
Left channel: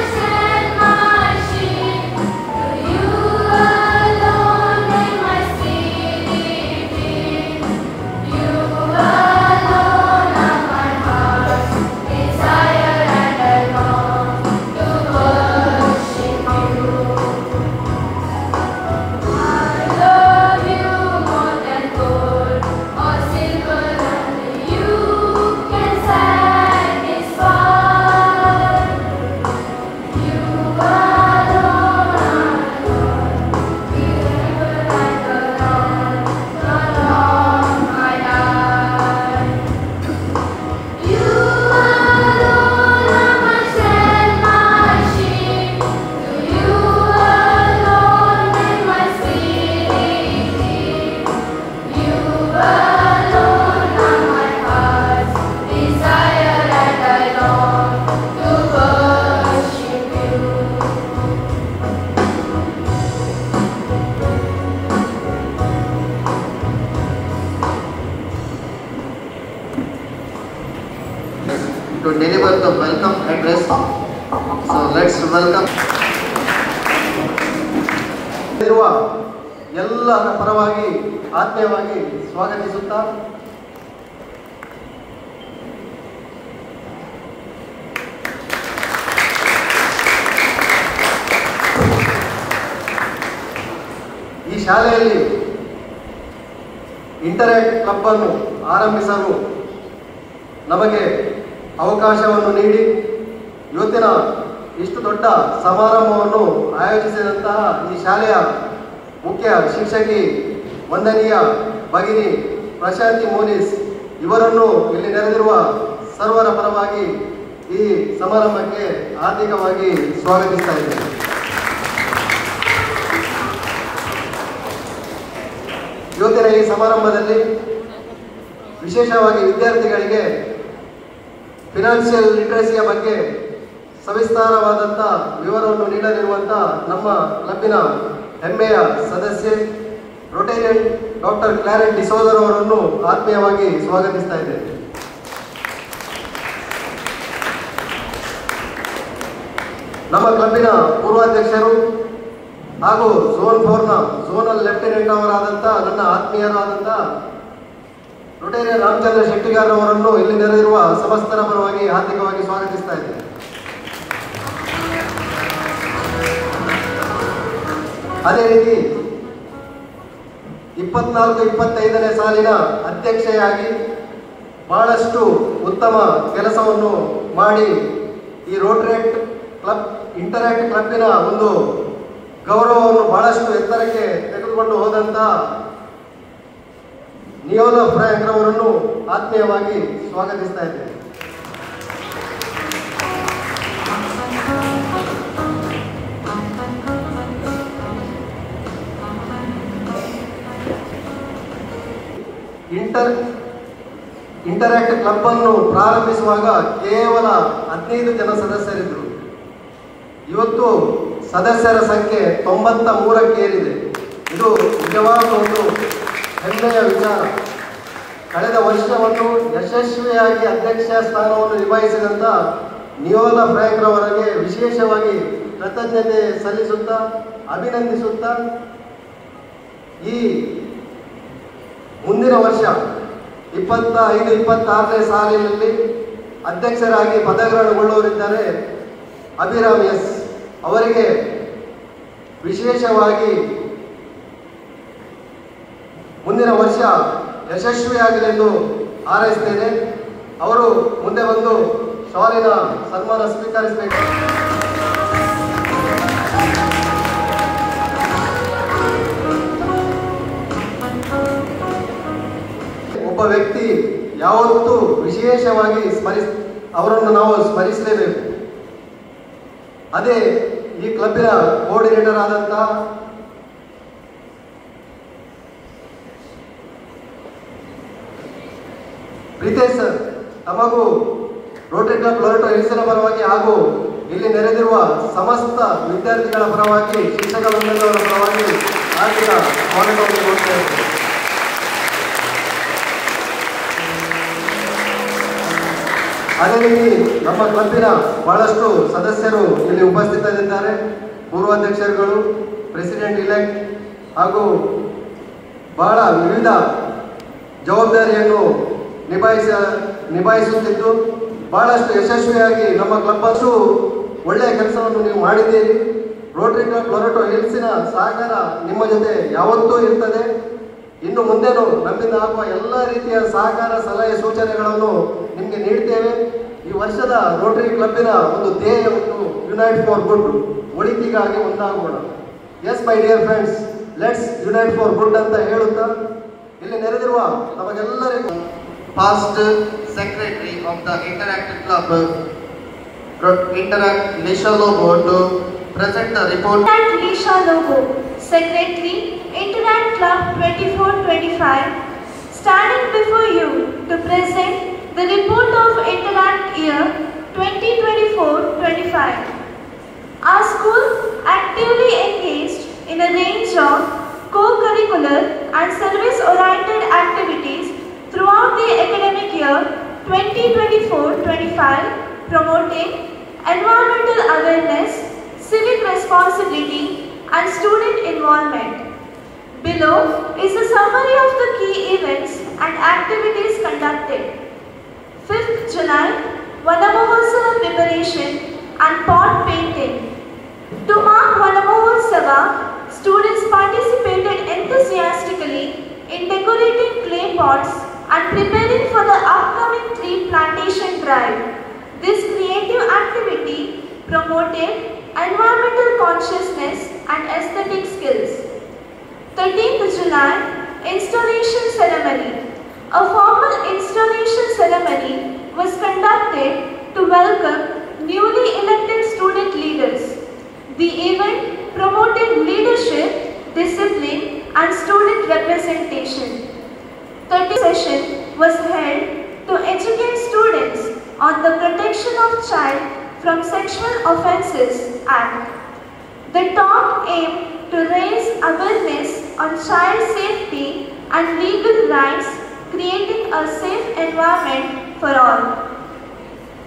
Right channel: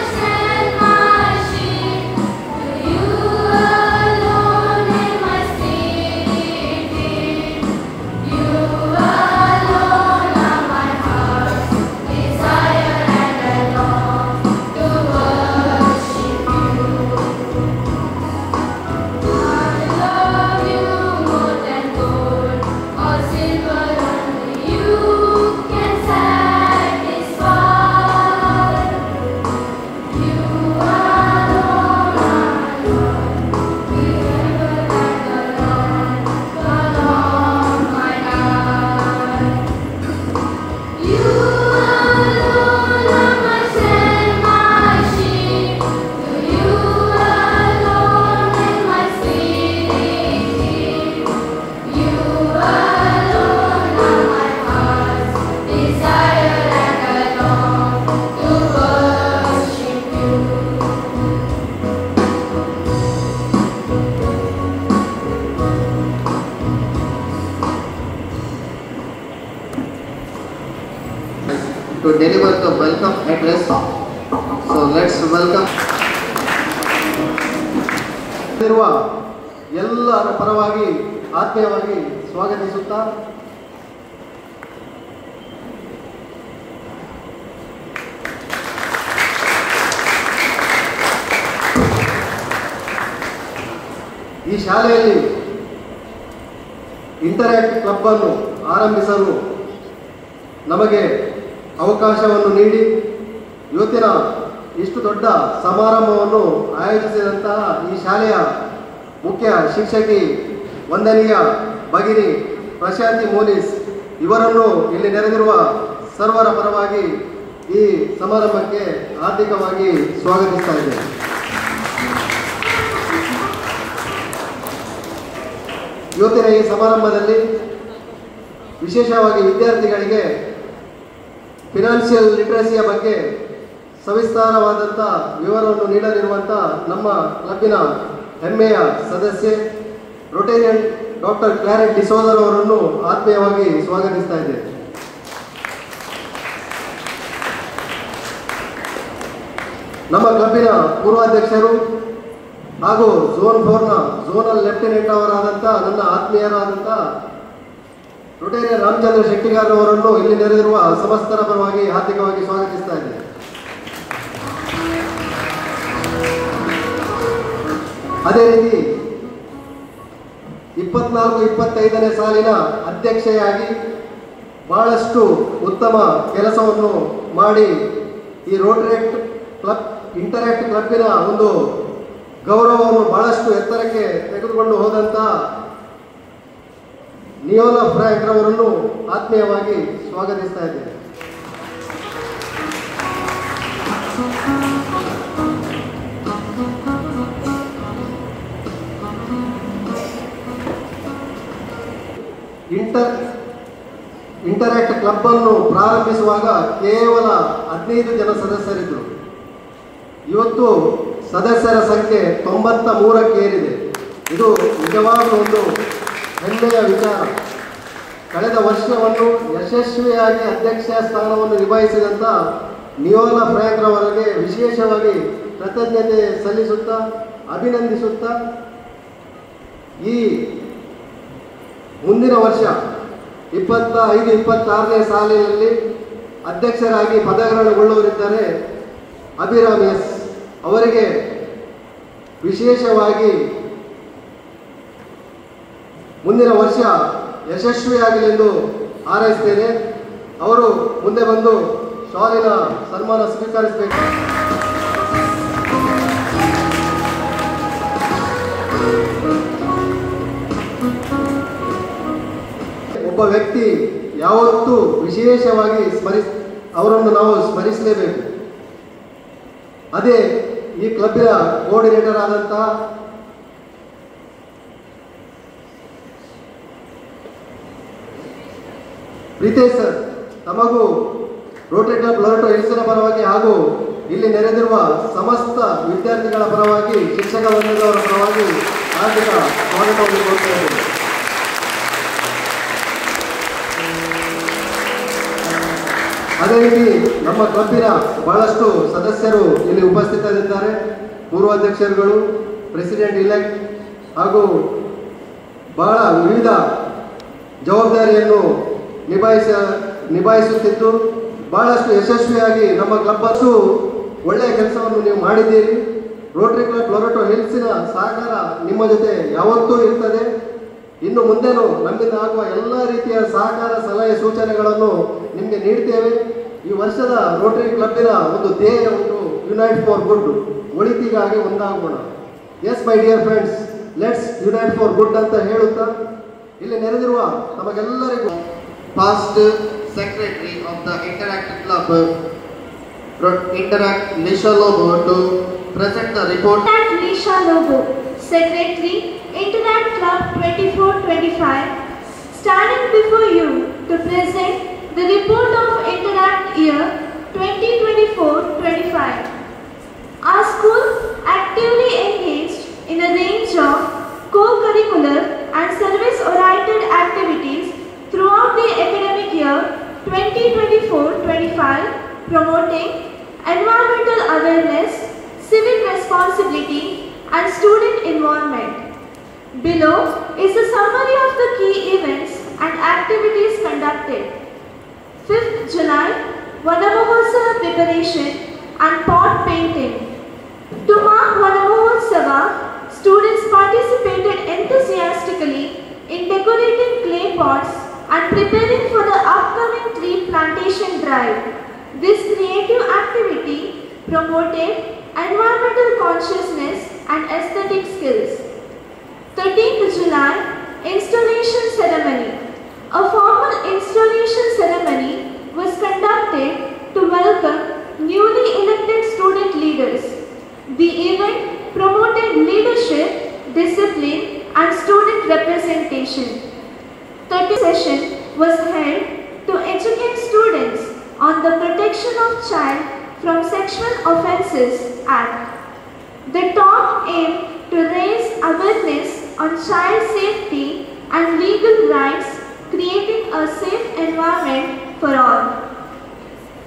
let's welcome ಇರುವ ಎಲ್ಲರ ಪರವಾಗಿ ಆತ್ಮೀಯವಾಗಿ ಸ್ವಾಗತಿಸುತ್ತಾ ಈ ಶಾಲೆಯಲ್ಲಿ interact club ಅನ್ನು ಆರಂಭಿಸಲು ನಮಗೆ ಅವಕಾಶವನ್ನು ನೀಡಿ ಇವತ್ತಿನ ಇಷ್ಟು ದೊಡ್ಡ ಸಮಾರಂಭವನ್ನು ಆಯೋಜಿಸಿದಂತಹ ಈ ಶಾಲೆಯ ಮುಖ್ಯ ಶಿಕ್ಷಕಿ ವಂದನೀಯ ಭಗಿನಿ ಪ್ರಶಾಂತಿ ಮೋನಿಸ್ ಇವರನ್ನು ಇಲ್ಲಿ ನೆರೆದಿರುವ ಸರ್ವರ ಪರವಾಗಿ ಈ ಸಮಾರಂಭಕ್ಕೆ ಹಾರ್ದಿಕವಾಗಿ ಸ್ವಾಗತಿಸ್ತಾ ಇದ್ದೇನೆ. ಇವತ್ತಿನ ಈ ಸಮಾರಂಭದಲ್ಲಿ ವಿಶೇಷವಾಗಿ ವಿದ್ಯಾರ್ಥಿಗಳಿಗೆ ಫಿನಾನ್ಷಿಯಲ್ ಲಿಟ್ರಸಿಯ ಬಗ್ಗೆ ಸವಿಸ್ತಾರವಾದಂಥ ವಿವರವನ್ನು ನೀಡಲಿರುವಂಥ ನಮ್ಮ ಕ್ಲಬ್ಬಿನ ಹೆಮ್ಮೆಯ ಸದಸ್ಯೆ ರೊಟೇರಿಯನ್ ಡಾಕ್ಟರ್ ಕ್ಲಾರೆಟ್ ಡಿಸೋಜರ್ ಅವರನ್ನು ಆತ್ಮೀಯವಾಗಿ ಸ್ವಾಗತಿಸ್ತಾ ಇದ್ದೇನೆ. ನಮ್ಮ ಕ್ಲಬ್ಬಿನ ಪೂರ್ವಾಧ್ಯಕ್ಷರು ಹಾಗೂ ಝೋನ್ 4ನ ಝೋನಲ್ ಲೆಫ್ಟಿನೆಂಟ್ ಅವರಾದಂಥ ನನ್ನ ಆತ್ಮೀಯರಾದಂಥ ರೊಟೇರಿಯನ್ ರಾಮಚಂದ್ರ ಶೆಟ್ಟಿಗಾರ್ ಅವರನ್ನು ಇಲ್ಲಿ ನೆರೆದಿರುವ ಸಮಸ್ತರ ಪರವಾಗಿ ಹಾರ್ದಿಕವಾಗಿ ಸ್ವಾಗತಿಸ್ತಾ ಇದ್ದೇನೆ. ಅದೇ ರೀತಿ 24-25ನೇ ಸಾಲಿನ ಅಧ್ಯಕ್ಷೆಯಾಗಿ ಬಹಳಷ್ಟು ಉತ್ತಮ ಕೆಲಸವನ್ನು ಮಾಡಿ ಈ ರೋಟರೇಟ್ ಕ್ಲಬ್ ಇಂಟರ್ಯಾಕ್ಟ್ ಕ್ಲಬ್ಬಿನ ಒಂದು ಗೌರವವನ್ನು ಬಹಳಷ್ಟು ಎತ್ತರಕ್ಕೆ ತೆಗೆದುಕೊಂಡು ಹೋದಂಥ ನಿಯೋಲಾ ಫ್ರ್ಯಾಂಕ್ ಅವರನ್ನು ಆತ್ಮೀಯವಾಗಿ ಸ್ವಾಗತಿಸ್ತಾ ಇದ್ದೇನೆ. ಇಂಟರ್ಯಾಕ್ಟ್ ಕ್ಲಬ್ ಅನ್ನು ಪ್ರಾರಂಭಿಸುವಾಗ ಕೇವಲ 15 ಜನ ಸದಸ್ಯರಿದ್ದರು. ಇವತ್ತು ಸದಸ್ಯರ ಸಂಖ್ಯೆ 93ಕ್ಕೆ ಏರಿದೆ. ಇದು ನಿಜವಾದ ಒಂದು ಹೆಮ್ಮೆಯ ವಿಚಾರ. ಕಳೆದ ವರ್ಷವನ್ನು ಯಶಸ್ವಿಯಾಗಿ ಅಧ್ಯಕ್ಷ ಸ್ಥಾನವನ್ನು ನಿಭಾಯಿಸಿದಂಥ ನಿಯೋಲಾ ಫ್ರ್ಯಾಂಕ್ ರವರಿಗೆ ವಿಶೇಷವಾಗಿ ಕೃತಜ್ಞತೆ ಸಲ್ಲಿಸುತ್ತಾ ಅಭಿನಂದಿಸುತ್ತಾ ಈ ಮುಂದಿನ ವರ್ಷ 25-26ನೇ ಸಾಲಿನಲ್ಲಿ ಅಧ್ಯಕ್ಷರಾಗಿ ಪದಗ್ರಹಣಗೊಳ್ಳುವರಿದ್ದಾರೆ ಅಭಿರಾಮ್ ಎಸ್ ಅವರಿಗೆ ವಿಶೇಷವಾಗಿ ಮುಂದಿನ ವರ್ಷ ಯಶಸ್ವಿಯಾಗಲೆಂದು ಹಾರೈಸ್ತೇನೆ. ಅವರು ಮುಂದೆ ಬಂದು ಶಾಲಿನ ಸನ್ಮಾನ ಸ್ವೀಕರಿಸಬೇಕು. ಒಬ್ಬ ವ್ಯಕ್ತಿ ಯಾವತ್ತೂ ವಿಶೇಷವಾಗಿ ಅವರನ್ನು ನಾವು ಸ್ಮರಿಸಲೇಬೇಕು. ಅದೇ ಈ ಕ್ಲಬ್ಬಿನ ಕೋಆರ್ಡಿನೇಟರ್ ಆದಂಥ ಪ್ರೀತೇಶ್ ಸರ್, ತಮಗೂ ರೋಟರಿ ಕ್ಲಬ್ ಲೊರೆಟೊ ಹಿಲ್ಸ್ನ ಪರವಾಗಿ ಹಾಗೂ ಇಲ್ಲಿ ನೆರೆದಿರುವ ಸಮಸ್ತ ವಿದ್ಯಾರ್ಥಿಗಳ ಪರವಾಗಿ ಶಿಕ್ಷಕ ಮಂಡಳಿಯವರ ಪರವಾಗಿ ಹಾರ್ದಿಕ ಸ್ವಾಗತವನ್ನು ಕೋರುತ್ತೇವೆ. ಅದೇ ರೀತಿ ನಮ್ಮ ಕ್ಲಬ್ಬಿನ ಬಹಳಷ್ಟು ಸದಸ್ಯರು ಇಲ್ಲಿ ಉಪಸ್ಥಿತರಿದ್ದಾರೆ. ಪೂರ್ವಾಧ್ಯಕ್ಷರುಗಳು, ಪ್ರೆಸಿಡೆಂಟ್ ಇಲೆಕ್ಟ್ ಹಾಗೂ ಬಹಳ ವಿವಿಧ ಜವಾಬ್ದಾರಿಯನ್ನು ನಿಭಾಯಿಸುತ್ತಿದ್ದು ಬಹಳಷ್ಟು ಯಶಸ್ವಿಯಾಗಿ ನಮ್ಮ ಕ್ಲಬ್ ಅಷ್ಟು ಒಳ್ಳೆಯ ಕೆಲಸವನ್ನು ನೀವು ಮಾಡಿದ್ದೀರಿ. ರೋಟರಿ ಕ್ಲಬ್ ಲೊರೆಟೊ ಹಿಲ್ಸಿನ ಸಹಕಾರ ನಿಮ್ಮ ಜೊತೆ ಯಾವತ್ತೂ ಇರ್ತದೆ. ಇನ್ನು ಮುಂದೆನೂ ನಮ್ಮಿಂದ ಆಗುವ ಎಲ್ಲ ರೀತಿಯ ಸಹಕಾರ ಸಲಹೆ ಸೂಚನೆಗಳನ್ನು ನಿಮಗೆ ನೀಡ್ತೇವೆ. ಈ ವರ್ಷದ ರೋಟರಿ ಕ್ಲಬ್ಬಿನ ಒಂದು ಧ್ಯೇಯ ಯುನೈಟ್ ಫಾರ್ ಗುಡ್, ಒಳಿತಿಗಾಗಿ ಒಂದಾಗೋಣ. Yes my dear friends, let's unite for good ಅಂತ ಹೇಳುತ್ತಾ ಇಲ್ಲಿ ನೆರೆದಿರುವ ನಮಗೆಲ್ಲರಿಗೂ past secretary of the Interact Club, Interact Nisha Lobo, to present the report. Nisha Lobo, Secretary, Interact Club 24-25, standing before you to present the report of Interact year 2024-25. Our school actively engaged in a range of co-curricular and service-oriented activities throughout the academic year 2024-25, promoting environmental awareness and student involvement. Below is a summary of the key events and activities conducted. 5th July, Vanamohotsava preparation and pot painting. To mark Vanamohotsava, students participated enthusiastically in decorating clay pots and preparing for the upcoming tree plantation drive. This creative activity promoted environmental consciousness and aesthetic skills. 13th July, installation ceremony. A formal installation ceremony was conducted to welcome newly elected student leaders. The event promoted leadership, discipline, and student representation. 30th session was held to educate students on the Protection of Child from Sexual Offences Act. The talk aimed to raise awareness on child safety and legal rights, creating a safe environment for all.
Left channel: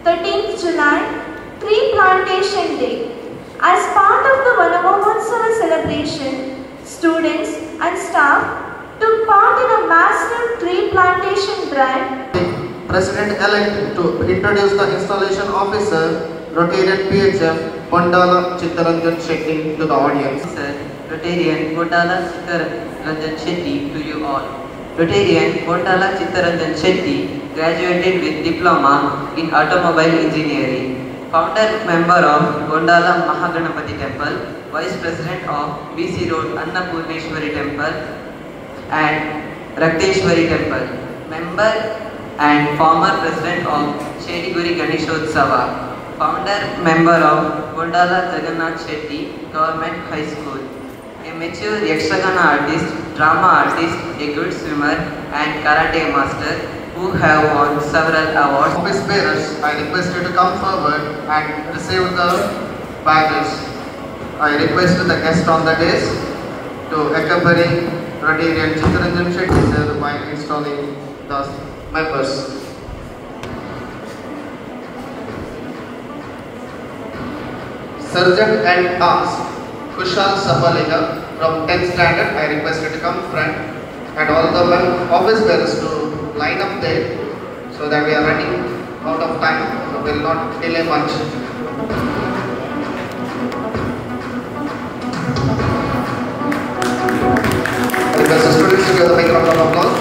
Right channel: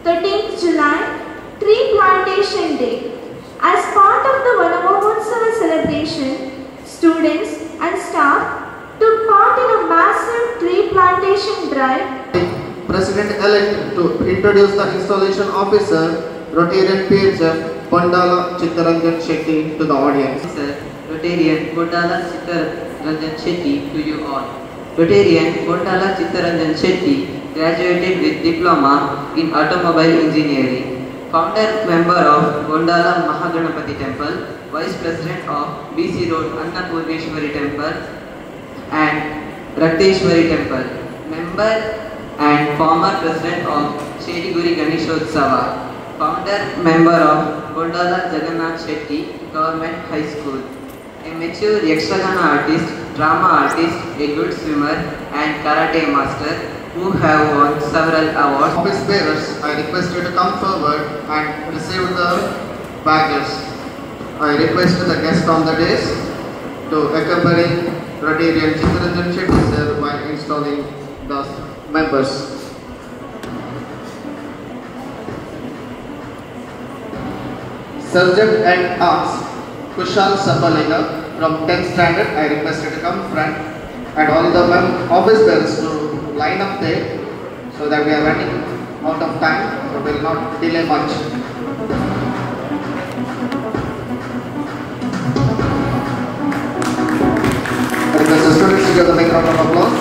13th July, Tree Plantation Day. As part of the Vanamohotsava celebration, students and staff took part in a massive tree plantation drive. President-elect to introduce the installation officer, Rotarian PHF, Kondala Chittaranjan Shetty to the audience. Sir, Rotarian Kondala Chittaranjan Shetty to you all. Rotarian Kondala Chittaranjan Shetty graduated with diploma in automobile engineering. Founder member of Kondala Mahaganapati Temple, Vice President of BC Road Annapurneshwari Temple and Rakteshwari Temple. Member and former President of Chediguri Ganeshotsava. Founder member of Kondala Jagannath Shetty Government High School. A mature Yakshagana artist, drama artist, a good swimmer and karate master who have won several awards. Office bearers, I request you to come forward and receive the badges. I request the guest on the dais to accompany Rotarian Chittaranjan Shetty sir while installing the members. Sergeant at Arms, Kushal Sapaliga from 10th standard, I request you to come front and all the office bearers to line up there so that we are running out of time, so we will not delay much. Request the students to give the big round of applause.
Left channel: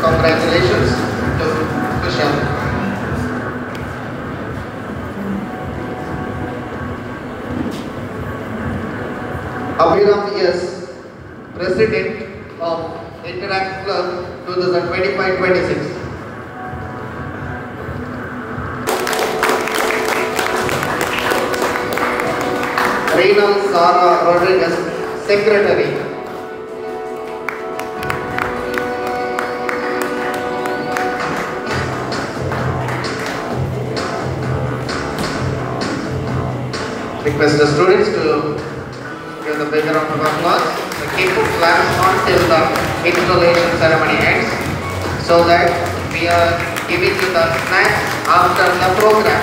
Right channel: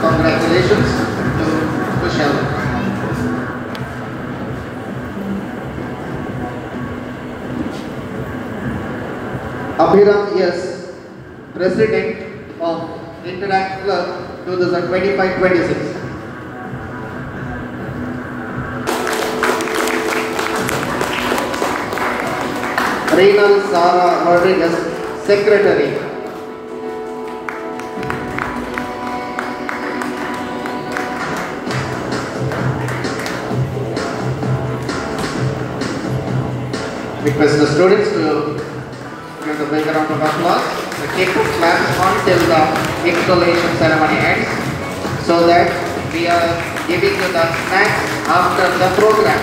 Congratulations to Kushal. Abhiram yes, President of Interact Club 2025-26. Reynald Sara Rodriguez, Secretary. Request the students to give the big round of applause. The cake will clamp until the installation ceremony ends, so that we are giving you the snacks after the program.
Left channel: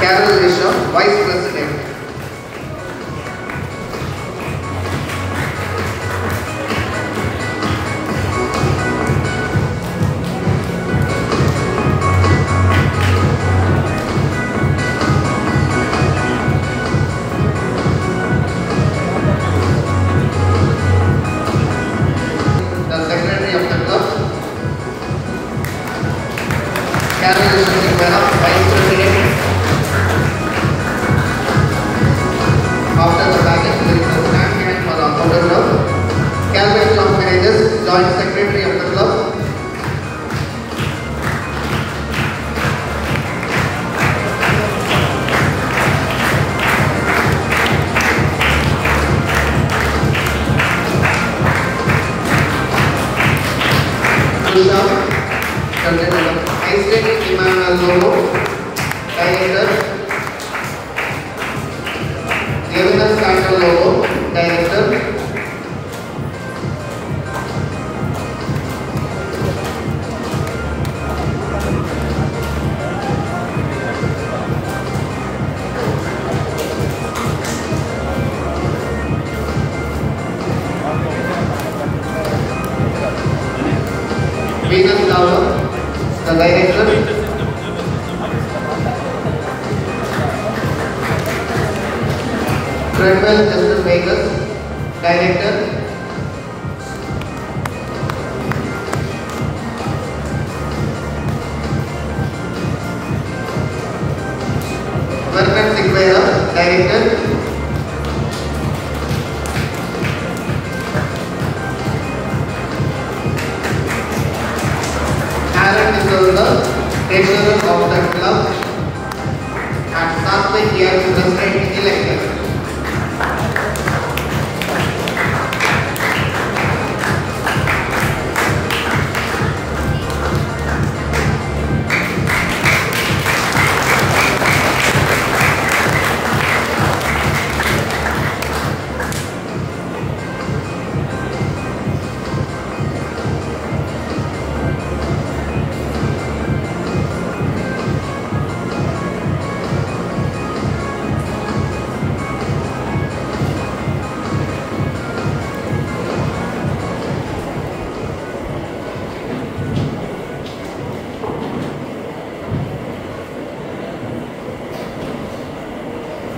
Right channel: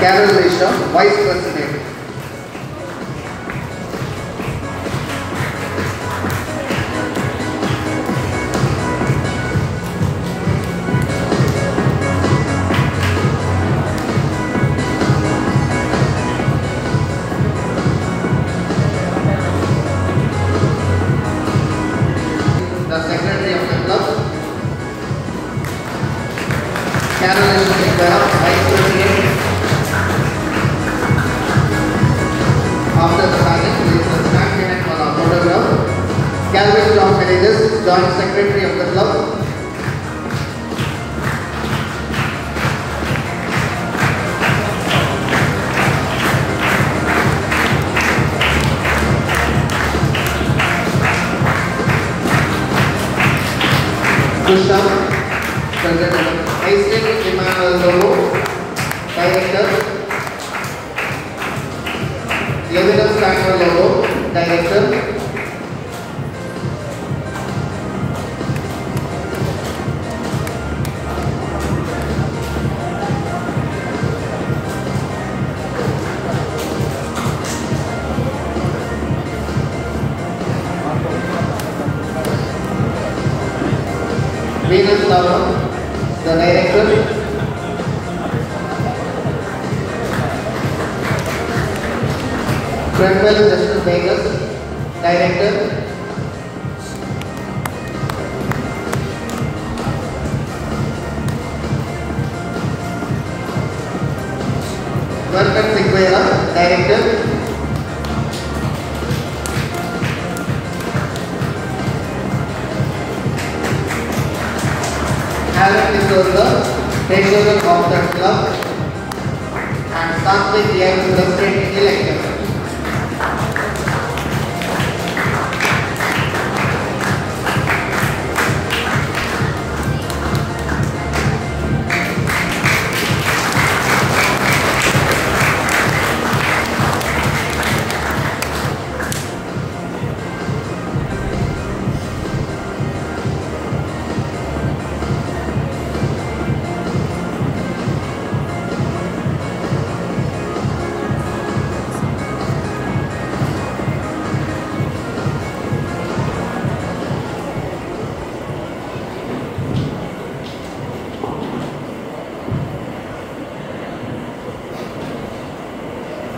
Carol Isham, Vice President. Joint Secretary of the club. Isaac Emmanuel, Director. Devinas Randall, Director. Fredwell Justin Vegas, Director. Vernon Sigvera, Director. Alan D'Souza, Treasurer of the club, and Satvik Young, President-elect.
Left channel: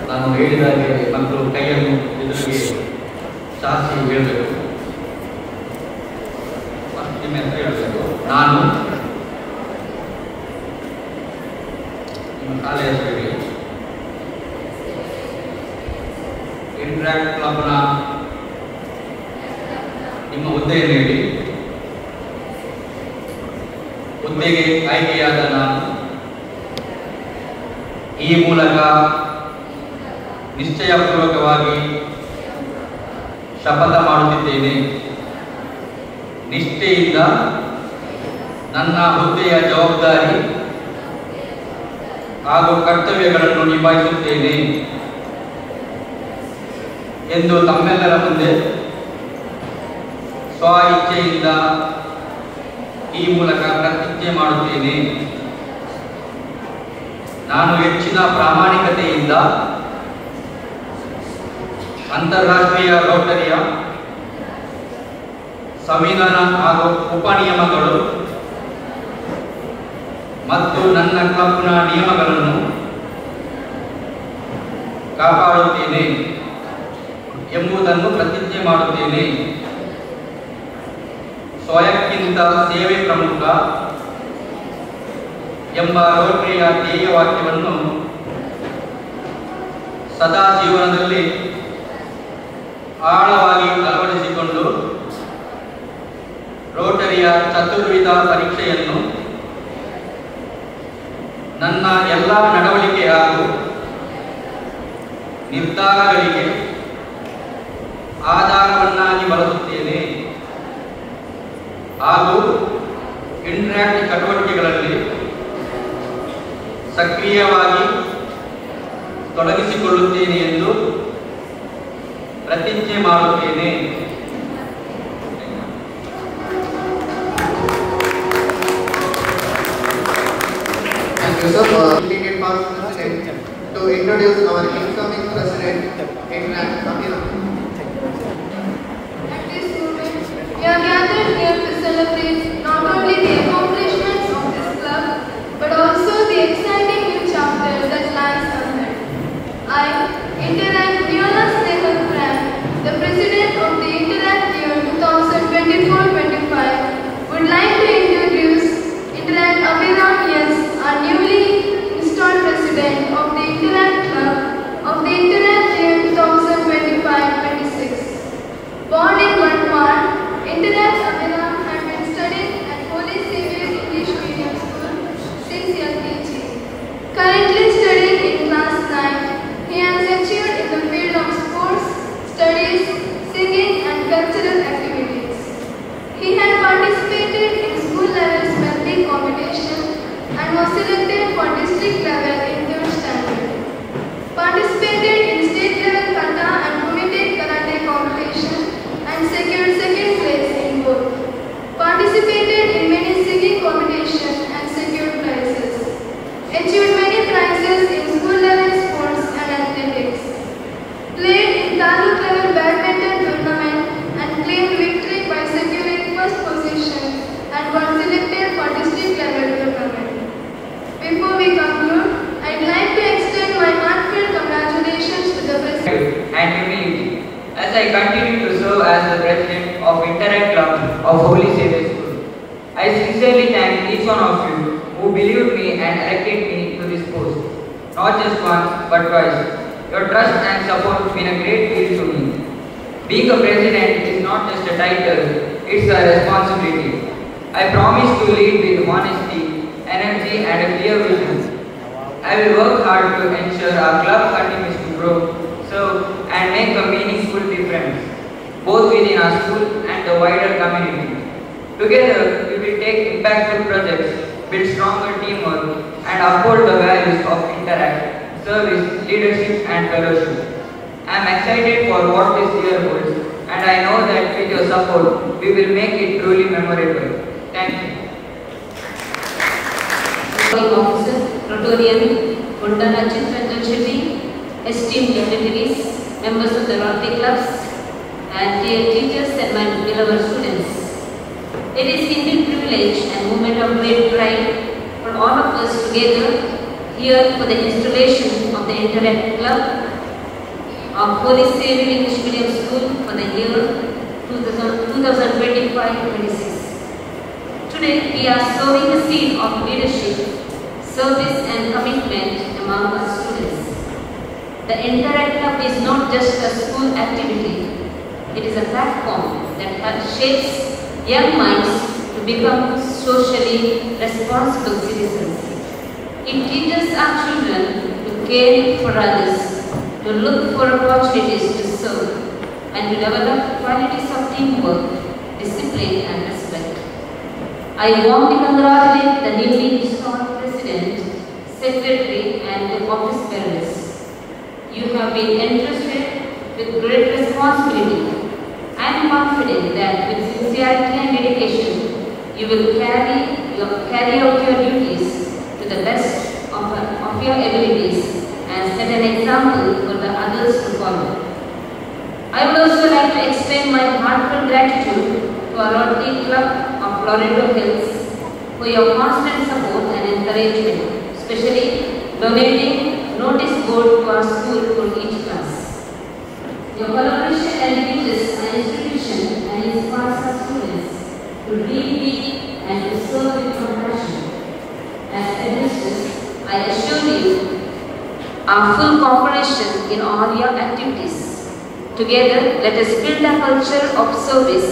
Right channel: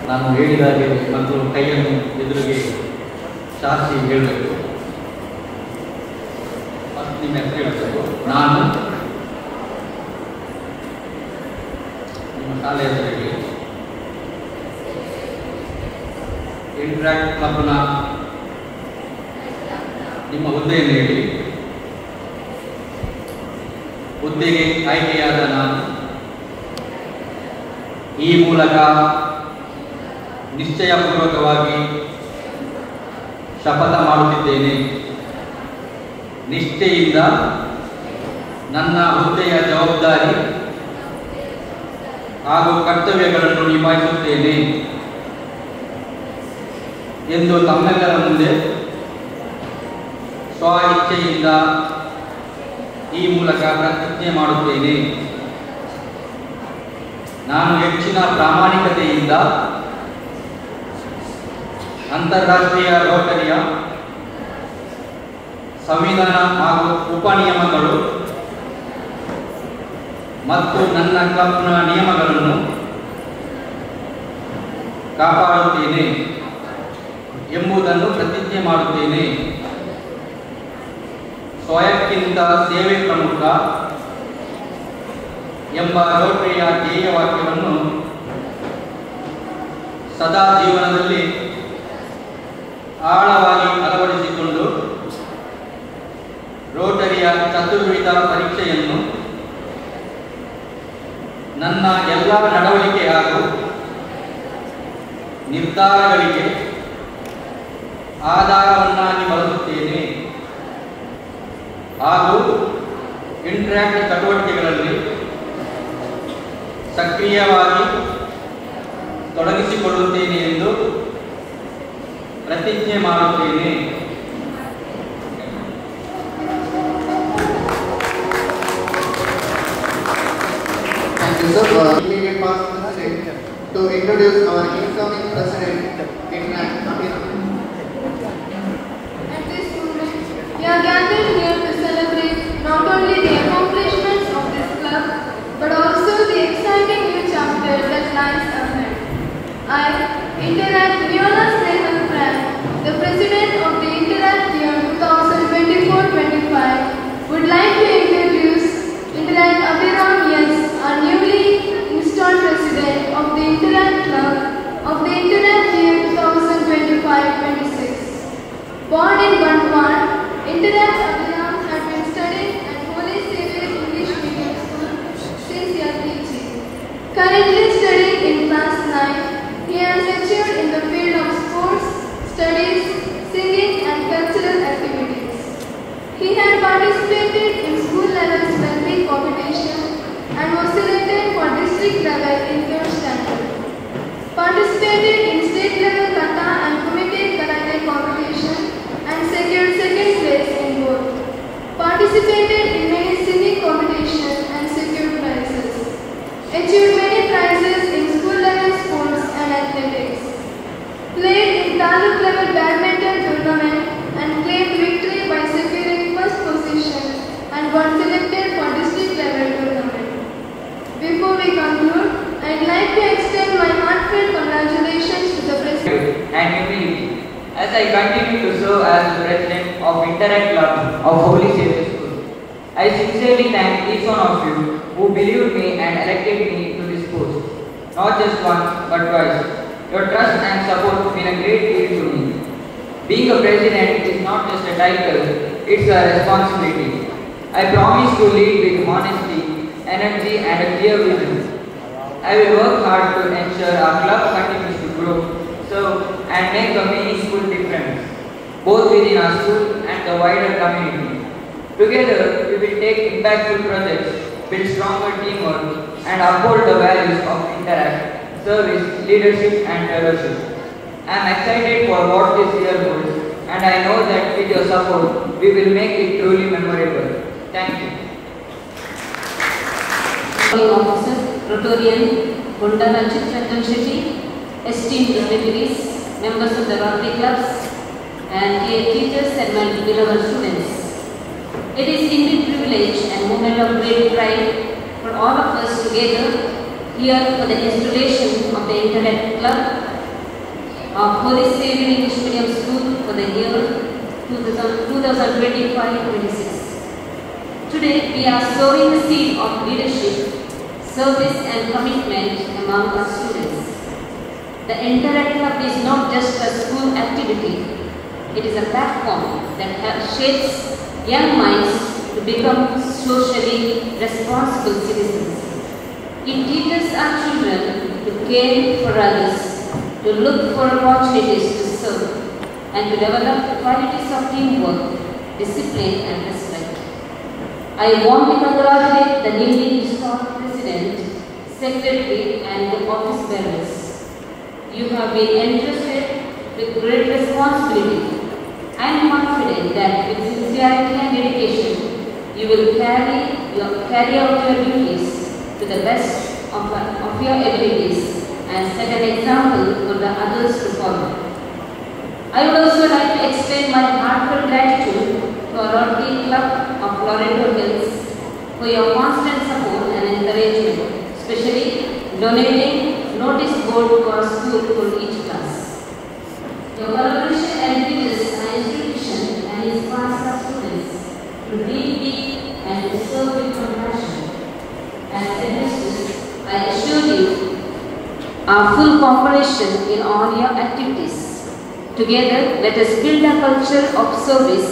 ನಾನು ಹೇಳಿದಾಗೆ ಮತ್ತು ಕೈಯನ್ನು ಎದುರಿಗೆ ಚಾಚಿ ಹೇಳಬೇಕು. ನಿಮ್ಮ ಹೆಸರು ಹೇಳಬೇಕು. ನಾನು ನಿಮ್ಮ ಶಾಲೆ ಹೆಸರು ಹೇಳಿ. ಇಂಟ್ರಾಕ್ಟ್ ಕ್ಲಬ್ನ ನಿಮ್ಮ ಹುದ್ದೆಯನ್ನು ಹೇಳಿ. ಹುದ್ದೆಗೆ ಆಯ್ಕೆಯಾದ ನಾನು ಈ ಮೂಲಕ ನಿಶ್ಚಯಪೂರ್ವಕವಾಗಿ ಶಪಥ ಮಾಡುತ್ತಿದ್ದೇನೆ. ನಿಷ್ಠೆಯಿಂದ ನನ್ನ ಹುದ್ದೆಯ ಜವಾಬ್ದಾರಿ ಹಾಗೂ ಕರ್ತವ್ಯಗಳನ್ನು ನಿಭಾಯಿಸುತ್ತೇನೆ ಎಂದು ತಮ್ಮೆಲ್ಲರ ಮುಂದೆ ಸ್ವ ಇಚ್ಛೆಯಿಂದ ಈ ಮೂಲಕ ಪ್ರತಿಜ್ಞೆ ಮಾಡುತ್ತೇನೆ. ನಾನು ಹೆಚ್ಚಿನ ಪ್ರಾಮಾಣಿಕತೆಯಿಂದ ಅಂತಾರಾಷ್ಟ್ರೀಯ ರೋಟರಿಯ ಸಂವಿಧಾನ ಹಾಗೂ ಉಪನಿಯಮಗಳು ಮತ್ತು ನನ್ನ ಕ್ಲಬ್ನ ನಿಯಮಗಳನ್ನು ಕಾಪಾಡುತ್ತೇನೆ ಎಂಬುದನ್ನು ಪ್ರತಿಜ್ಞೆ ಮಾಡುತ್ತೇನೆ. ಸ್ವಯಕ್ಕಿಂತ ಸೇವೆ ಪ್ರಮುಖ ಎಂಬ ರೋಟರಿಯ ಧ್ಯೇಯವಾಕ್ಯವನ್ನು ಸದಾ ಜೀವನದಲ್ಲಿ ಆಳವಾಗಿ ಅಳವಡಿಸಿಕೊಂಡು ರೋಟರಿಯ ಚತುರ್ವಿಧ ಪರೀಕ್ಷೆಯನ್ನು ನನ್ನ ಎಲ್ಲ ನಡವಳಿಕೆ ಹಾಗೂ ನಿರ್ಧಾರಗಳಿಗೆ ಆಧಾರವನ್ನಾಗಿ ಬಳಸುತ್ತೇನೆ ಹಾಗೂ ಇಂಟ್ರಾಕ್ಟ್ ಚಟುವಟಿಕೆಗಳಲ್ಲಿ ಸಕ್ರಿಯವಾಗಿ ತೊಡಗಿಸಿಕೊಳ್ಳುತ್ತೇನೆ ಎಂದು ಪ್ರತಿಜ್ಞೆ ಮಾಡುತ್ತೇನೆ. Thank you, sir. Immediate past president to introduce our incoming president, Interact Abhinav. At this moment, we are gathered here to celebrate not only the accomplishments of this club, but also the exciting new chapter that lies ahead. I, Interact Viola Snehal Pran, the president of the Interact year 2024-25, would like to introduce Interact Abhinav Yes, our newly installed president of the Interact Club of the Interact year 2025-26. Born in Mandwar, Interact Abhinav had been studying at Holy Savior English Medium School since LKG. Currently studying in class 9, he has lectured in the field of sports, studies, singing and cultural activities. He had participated in school level spelling competition and was selected for district level in 3rd standard. Participated in state level kata and committed karate competition and secured 2nd place in both. Participated in many singing competitions and secured prizes. Achieved many prizes in school level sports and athletics. Played in taluk level badminton tournament and claimed victory by securing 1st position and was selected for district level tournament. Before we conclude, I'd like to extend my heartfelt congratulations to the president. And as I continue to serve as the president of Interact Club of Holy Saviour School. I sincerely thank each one of you who believed me and elected me to this post, not just once but twice. Your trust and support have been a great deal to me. Being a president is not just a title, it's a responsibility. I promise to lead with honesty, energy and a clear vision. I will work hard to ensure our club continues to grow, serve and make a meaningful difference, both within our school and the wider community. Together, we will take impactful projects, build stronger teamwork and uphold the values of Interact, service, leadership and fellowship. I am excited for what this year holds and I know that with your support, we will make it truly memorable. Thank you. Officer, Rotarian, Kondala Chitranjan Shetty, esteemed dignitaries, members of the Rotary clubs, and dear teachers and my beloved students. It is indeed a privilege and moment of great pride for all of us together here for the installation of the Interact Club of Holy Saviour English Medium School for the year 2025-26. Today we are sowing the seed of leadership, service and commitment among our students. The Interact Club is not just a school activity, it is a platform that shapes young minds to become socially responsible citizens. It teaches our children to care for others, to look for opportunities to serve, and to develop qualities of teamwork, discipline and respect. I warmly congratulate the newly installed President, Secretary and the office bearers. You have been entrusted with great responsibility. I am confident that with sincerity and dedication, you will carry out your duties to the best of your abilities and set an example for the others to follow. I would also like to extend my heartfelt gratitude to our Rotary Club of Loreto Hills for your constant support and encouragement, especially donating notice board to our school for each class. Your collaboration elevates our institution and inspires our students to read, and to serve with compassion. As headmisters, I assure you our full cooperation in all your activities. Together, let us build a culture of service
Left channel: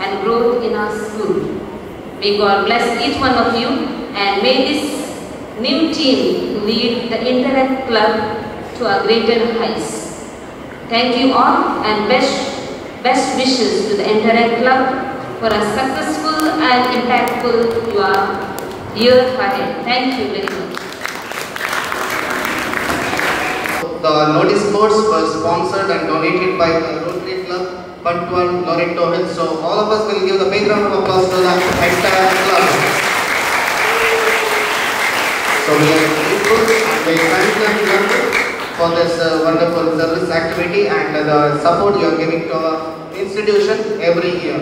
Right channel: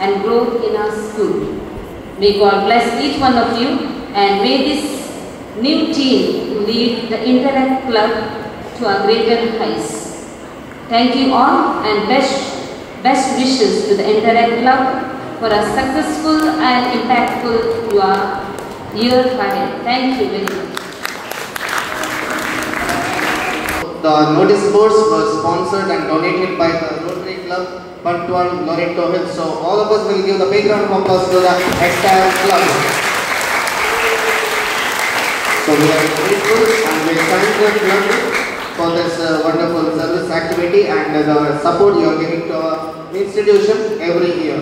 and growth in our school. May God bless each one of you and may this new team lead the Interact Club to a greater heights. Thank you all and best wishes to the Interact Club for a successful and impactful year ahead. Thank you very much. The notice boards were sponsored and donated by the Rotary Club, Bantuan, Loreto Hills. So all of us will give the big round of applause to the entire club. So we are grateful and we thank the club for this wonderful service activity and the support you are giving to our institution every year.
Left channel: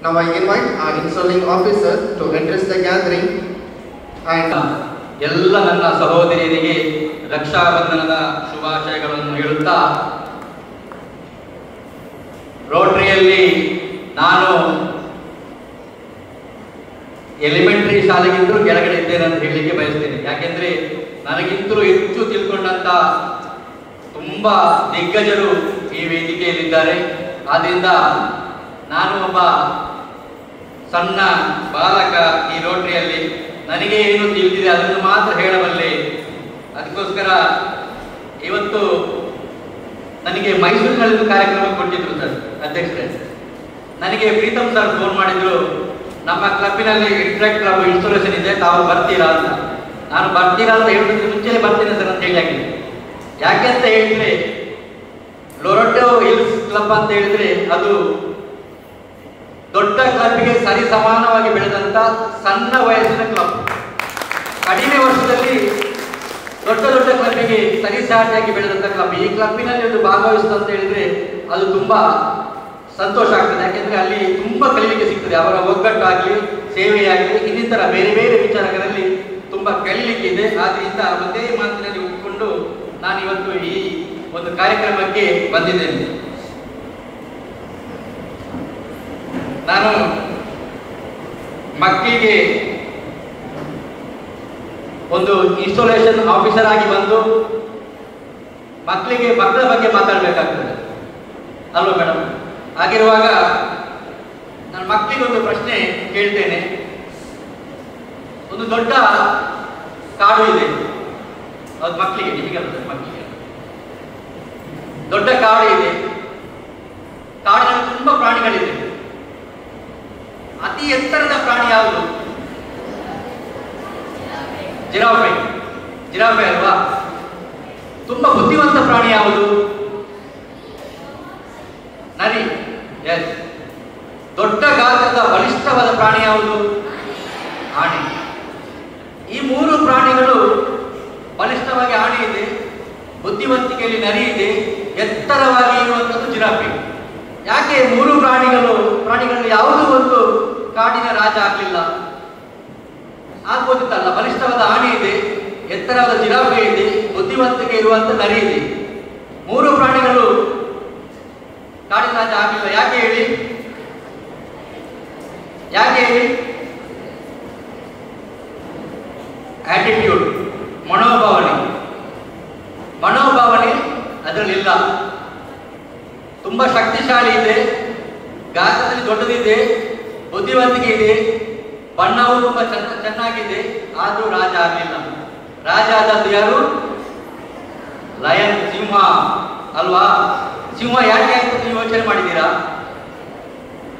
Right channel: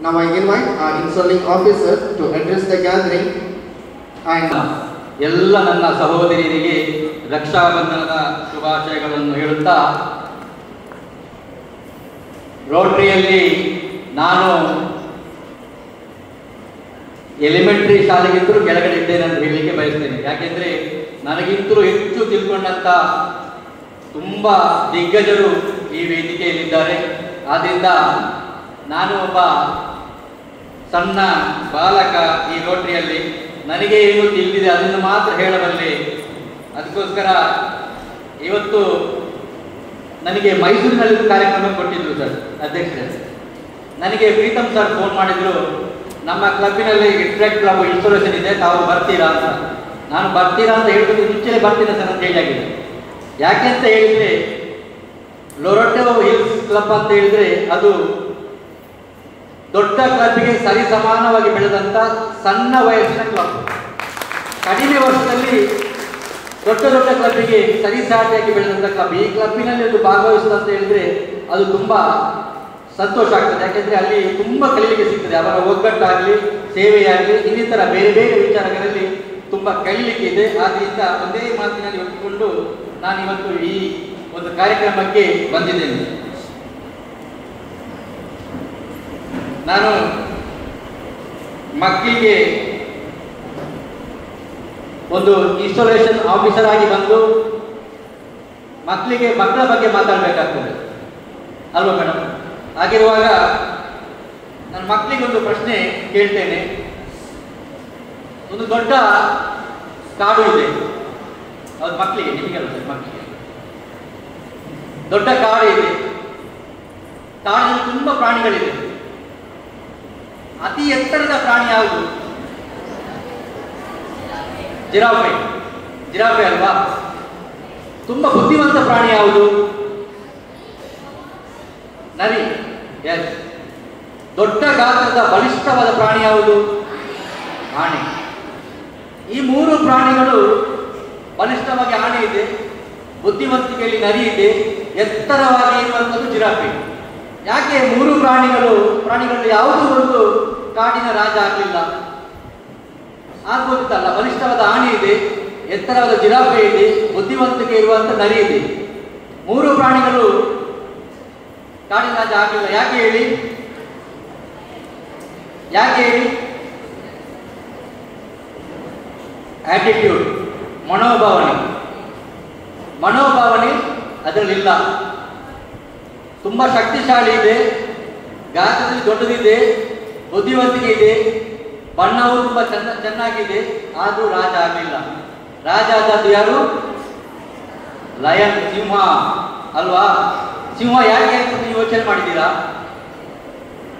Now I invite our installing officer to address the gathering and ಎಲ್ಲ ನನ್ನ ಸಹೋದರಿಯರಿಗೆ ರಕ್ಷಾಬಂಧನದ ಶುಭಾಶಯಗಳನ್ನು ಹೇಳುತ್ತಾ, ರೋಟರಿಯಲ್ಲಿ ನಾನು ಎಲಿಮೆಂಟರಿ ಶಾಲೆಗಿಂತಲೂ ಕೆಳಗಡೆ ಇದ್ದೇನೆ ಅಂತ ಹೇಳಲಿಕ್ಕೆ ಬಯಸ್ತೇನೆ. ಯಾಕೆಂದ್ರೆ ನನಗಿಂತಲೂ ಹೆಚ್ಚು ತಿಳ್ಕೊಂಡಂತ ತುಂಬಾ ದಿಗ್ಗಜರು ಈ ವೇದಿಕೆಯಲ್ಲಿದ್ದಾರೆ. ಆದ್ರಿಂದ ನಾನು ಒಬ್ಬ ಸಣ್ಣ ಬಾಲಕ ಈ ರೋಟರಿಯಲ್ಲಿ. ನನಗೆ ಏನು ತಿಳಿದಿದೆ ಅದನ್ನು ಮಾತ್ರ ಹೇಳಬಲ್ಲೆ. ಅದಕ್ಕೋಸ್ಕರ ಇವತ್ತು ನನಗೆ ಮೈಸೂರಿನಲ್ಲಿ ಕಾರ್ಯಕ್ರಮ ಕೊಟ್ಟಿದ್ರು ಸರ್ ಅಧ್ಯಕ್ಷರೇ. ನನಗೆ ಪ್ರೀತಮ್ ಸರ್ ಫೋನ್ ಮಾಡಿದ್ರು, ನಮ್ಮ ಕ್ಲಬ್ಬಿನಲ್ಲಿ ಇಂಟ್ರಾಕ್ಟ್ ಕ್ಲಬ್ ಇನ್ಸ್ಟಾಲೇಷನ್ ಇದೆ, ತಾವು ಬರ್ತೀರಾ ಅಂತ. ನಾನು ಬರ್ತೀರಾ ಅಂತ ಹೇಳಿದ್ರೆ ಮುಂಚೆ ಬರ್ತೀನಿ ಸರ್ ಅಂತ ಹೇಳಿದೆ. ಯಾಕೆ ಅಂತ ಹೇಳಿದ್ರೆ ಲೊರೆಟೋ ಹಿಲ್ಸ್ ಕ್ಲಬ್ ಅಂತ ಹೇಳಿದ್ರೆ ಅದು ದೊಡ್ಡ ಕ್ಲಬ್ಗೆ ಸರಿ ಸಮಾನವಾಗಿ ಬೆಳೆದಂತ ಸಣ್ಣ ವಯಸ್ಸಿನ ಕ್ಲಬ್. ಕಡಿಮೆ ವರ್ಷದಲ್ಲಿ ದೊಡ್ಡ ದೊಡ್ಡ ಕ್ಲಬ್ಗೆ ಸರಿಸಾಟಿಯಾಗಿ ಬೆಳೆದಂತ ಕ್ಲಬ್. ಈ ಕ್ಲಬ್ಬಿನಲ್ಲಿ ಒಂದು ಭಾಗವಹಿಸುತ್ತೆ ಅಂತ ಹೇಳಿದ್ರೆ ಅದು ತುಂಬಾ ಸಂತೋಷ ಆಗ್ತದೆ. ಯಾಕೆಂದ್ರೆ ಅಲ್ಲಿ ತುಂಬಾ ಕಲಿಲಿಕ್ಕೆ ಸಿಗ್ತದೆ. ಅವರ ಒಗ್ಗಟ್ಟಾಗ್ಲಿ, ಸೇವೆಯಾಗಲಿ, ಇನ್ನಿತರ ಬೇರೆ ಬೇರೆ ವಿಚಾರಗಳಲ್ಲಿ ತುಂಬಾ ಕಲಿಲಿಕ್ಕೆ ಇದೆ. ಆದ್ರಿಂದ ಒಂದೇ ಮಾತಿನಲ್ಲಿ ಒಪ್ಪಿಕೊಂಡು ನಾನು ಇವತ್ತು ಈ ಒಂದು ಕಾರ್ಯಕ್ರಮಕ್ಕೆ ಬಂದಿದ್ದೇನೆ. ನಾನು ಮಕ್ಕಳಿಗೆ ಒಂದು ಇನ್ಸ್ಟಾಲೇಷನ್ ಆಫೀಸರ್ ಆಗಿ ಬಂದು ಮಕ್ಕಳ ಬಗ್ಗೆ ಮಾತಾಡಬೇಕಾಗ್ತದೆ ಅಲ್ವಾ ಮೇಡಮ್? ಹಾಗಿರುವಾಗ ನಾನು ಮಕ್ಕಳಿಗೆ ಒಂದು ಪ್ರಶ್ನೆ ಕೇಳ್ತೇನೆ. ಒಂದು ದೊಡ್ಡ ಕಾಡು ಇದೆ, ಅದು ಮಕ್ಕಳಿಗೆ, ನಿಮಗೆ ಮಕ್ಕಳಿಗೆ ದೊಡ್ಡ ಕಾಡು ಇದೆ. ಕಾಡಿನಲ್ಲಿ ತುಂಬಾ ಪ್ರಾಣಿಗಳಿದೆ. ಅತಿ ಎತ್ತರದ ಪ್ರಾಣಿ ಯಾವುದು? ಜಿರಾಫೆ ಅಲ್ವಾ? ತುಂಬಾ ಬುದ್ಧಿವಂತ ಪ್ರಾಣಿ ಯಾವುದು? ನರಿ. ಎಸ್. ದೊಡ್ಡ ಗಾತ್ರದ ಬಲಿಷ್ಠವಾದ ಪ್ರಾಣಿ ಯಾವುದು? ಆನೆ. ಈ ಮೂರು ಪ್ರಾಣಿಗಳು ಬಲಿಷ್ಠವಾಗಿ ಆನೆ ಇದೆ, ಬುದ್ಧಿವಂತಿಕೆಯಲ್ಲಿ ನರಿ ಇದೆ, ಎತ್ತರವಾಗಿ ಇರುವಂತದ್ದು ಜಿರಾಫೆ. ಯಾಕೆ ಮೂರು ಪ್ರಾಣಿಗಳಲ್ಲಿ ಯಾವುದೂ ಒಂದು ಕಾಡಿನ ರಾಜ ಆಗಲಿಲ್ಲ? ಆಗ್ಬೋದಿತ್ತಲ್ಲ. ಬಲಿಷ್ಠವಾದ ಆನೆ ಇದೆ, ಎತ್ತರವಾದ ಜಿರಾಫೆ ಇದೆ, ಬುದ್ಧಿವಂತಿಕೆ ಇರುವಂತ ನರಿ ಇದೆ. ಮೂರು ಪ್ರಾಣಿಗಳು ಕಾಡಿನ ರಾಜ ಆಗಲಿಲ್ಲ. ಯಾಕೆ ಹೇಳಿ? ಆಟಿಟ್ಯೂಡ್, ಮನೋಭಾವನೆ ಅದರಲ್ಲಿಲ್ಲ. ತುಂಬಾ ಶಕ್ತಿಶಾಲಿ ಇದೆ, ಗಾತ್ರದಲ್ಲಿ ದೊಡ್ಡದಿದೆ, ಬುದ್ಧಿವಂತಿಕೆ ಇದೆ, ಬಣ್ಣವು ತುಂಬಾ ಚೆನ್ನಾಗಿದೆ, ಆದ್ರೂ ರಾಜ ಆಗಲಿಲ್ಲ. ರಾಜ ಆದದ್ದು ಯಾರು? ಲಯನ್, ಸಿಂಹ ಅಲ್ವಾ? ಸಿಂಹ ಯಾಕೆ ಅಂತ ನೀವು ಯೋಚನೆ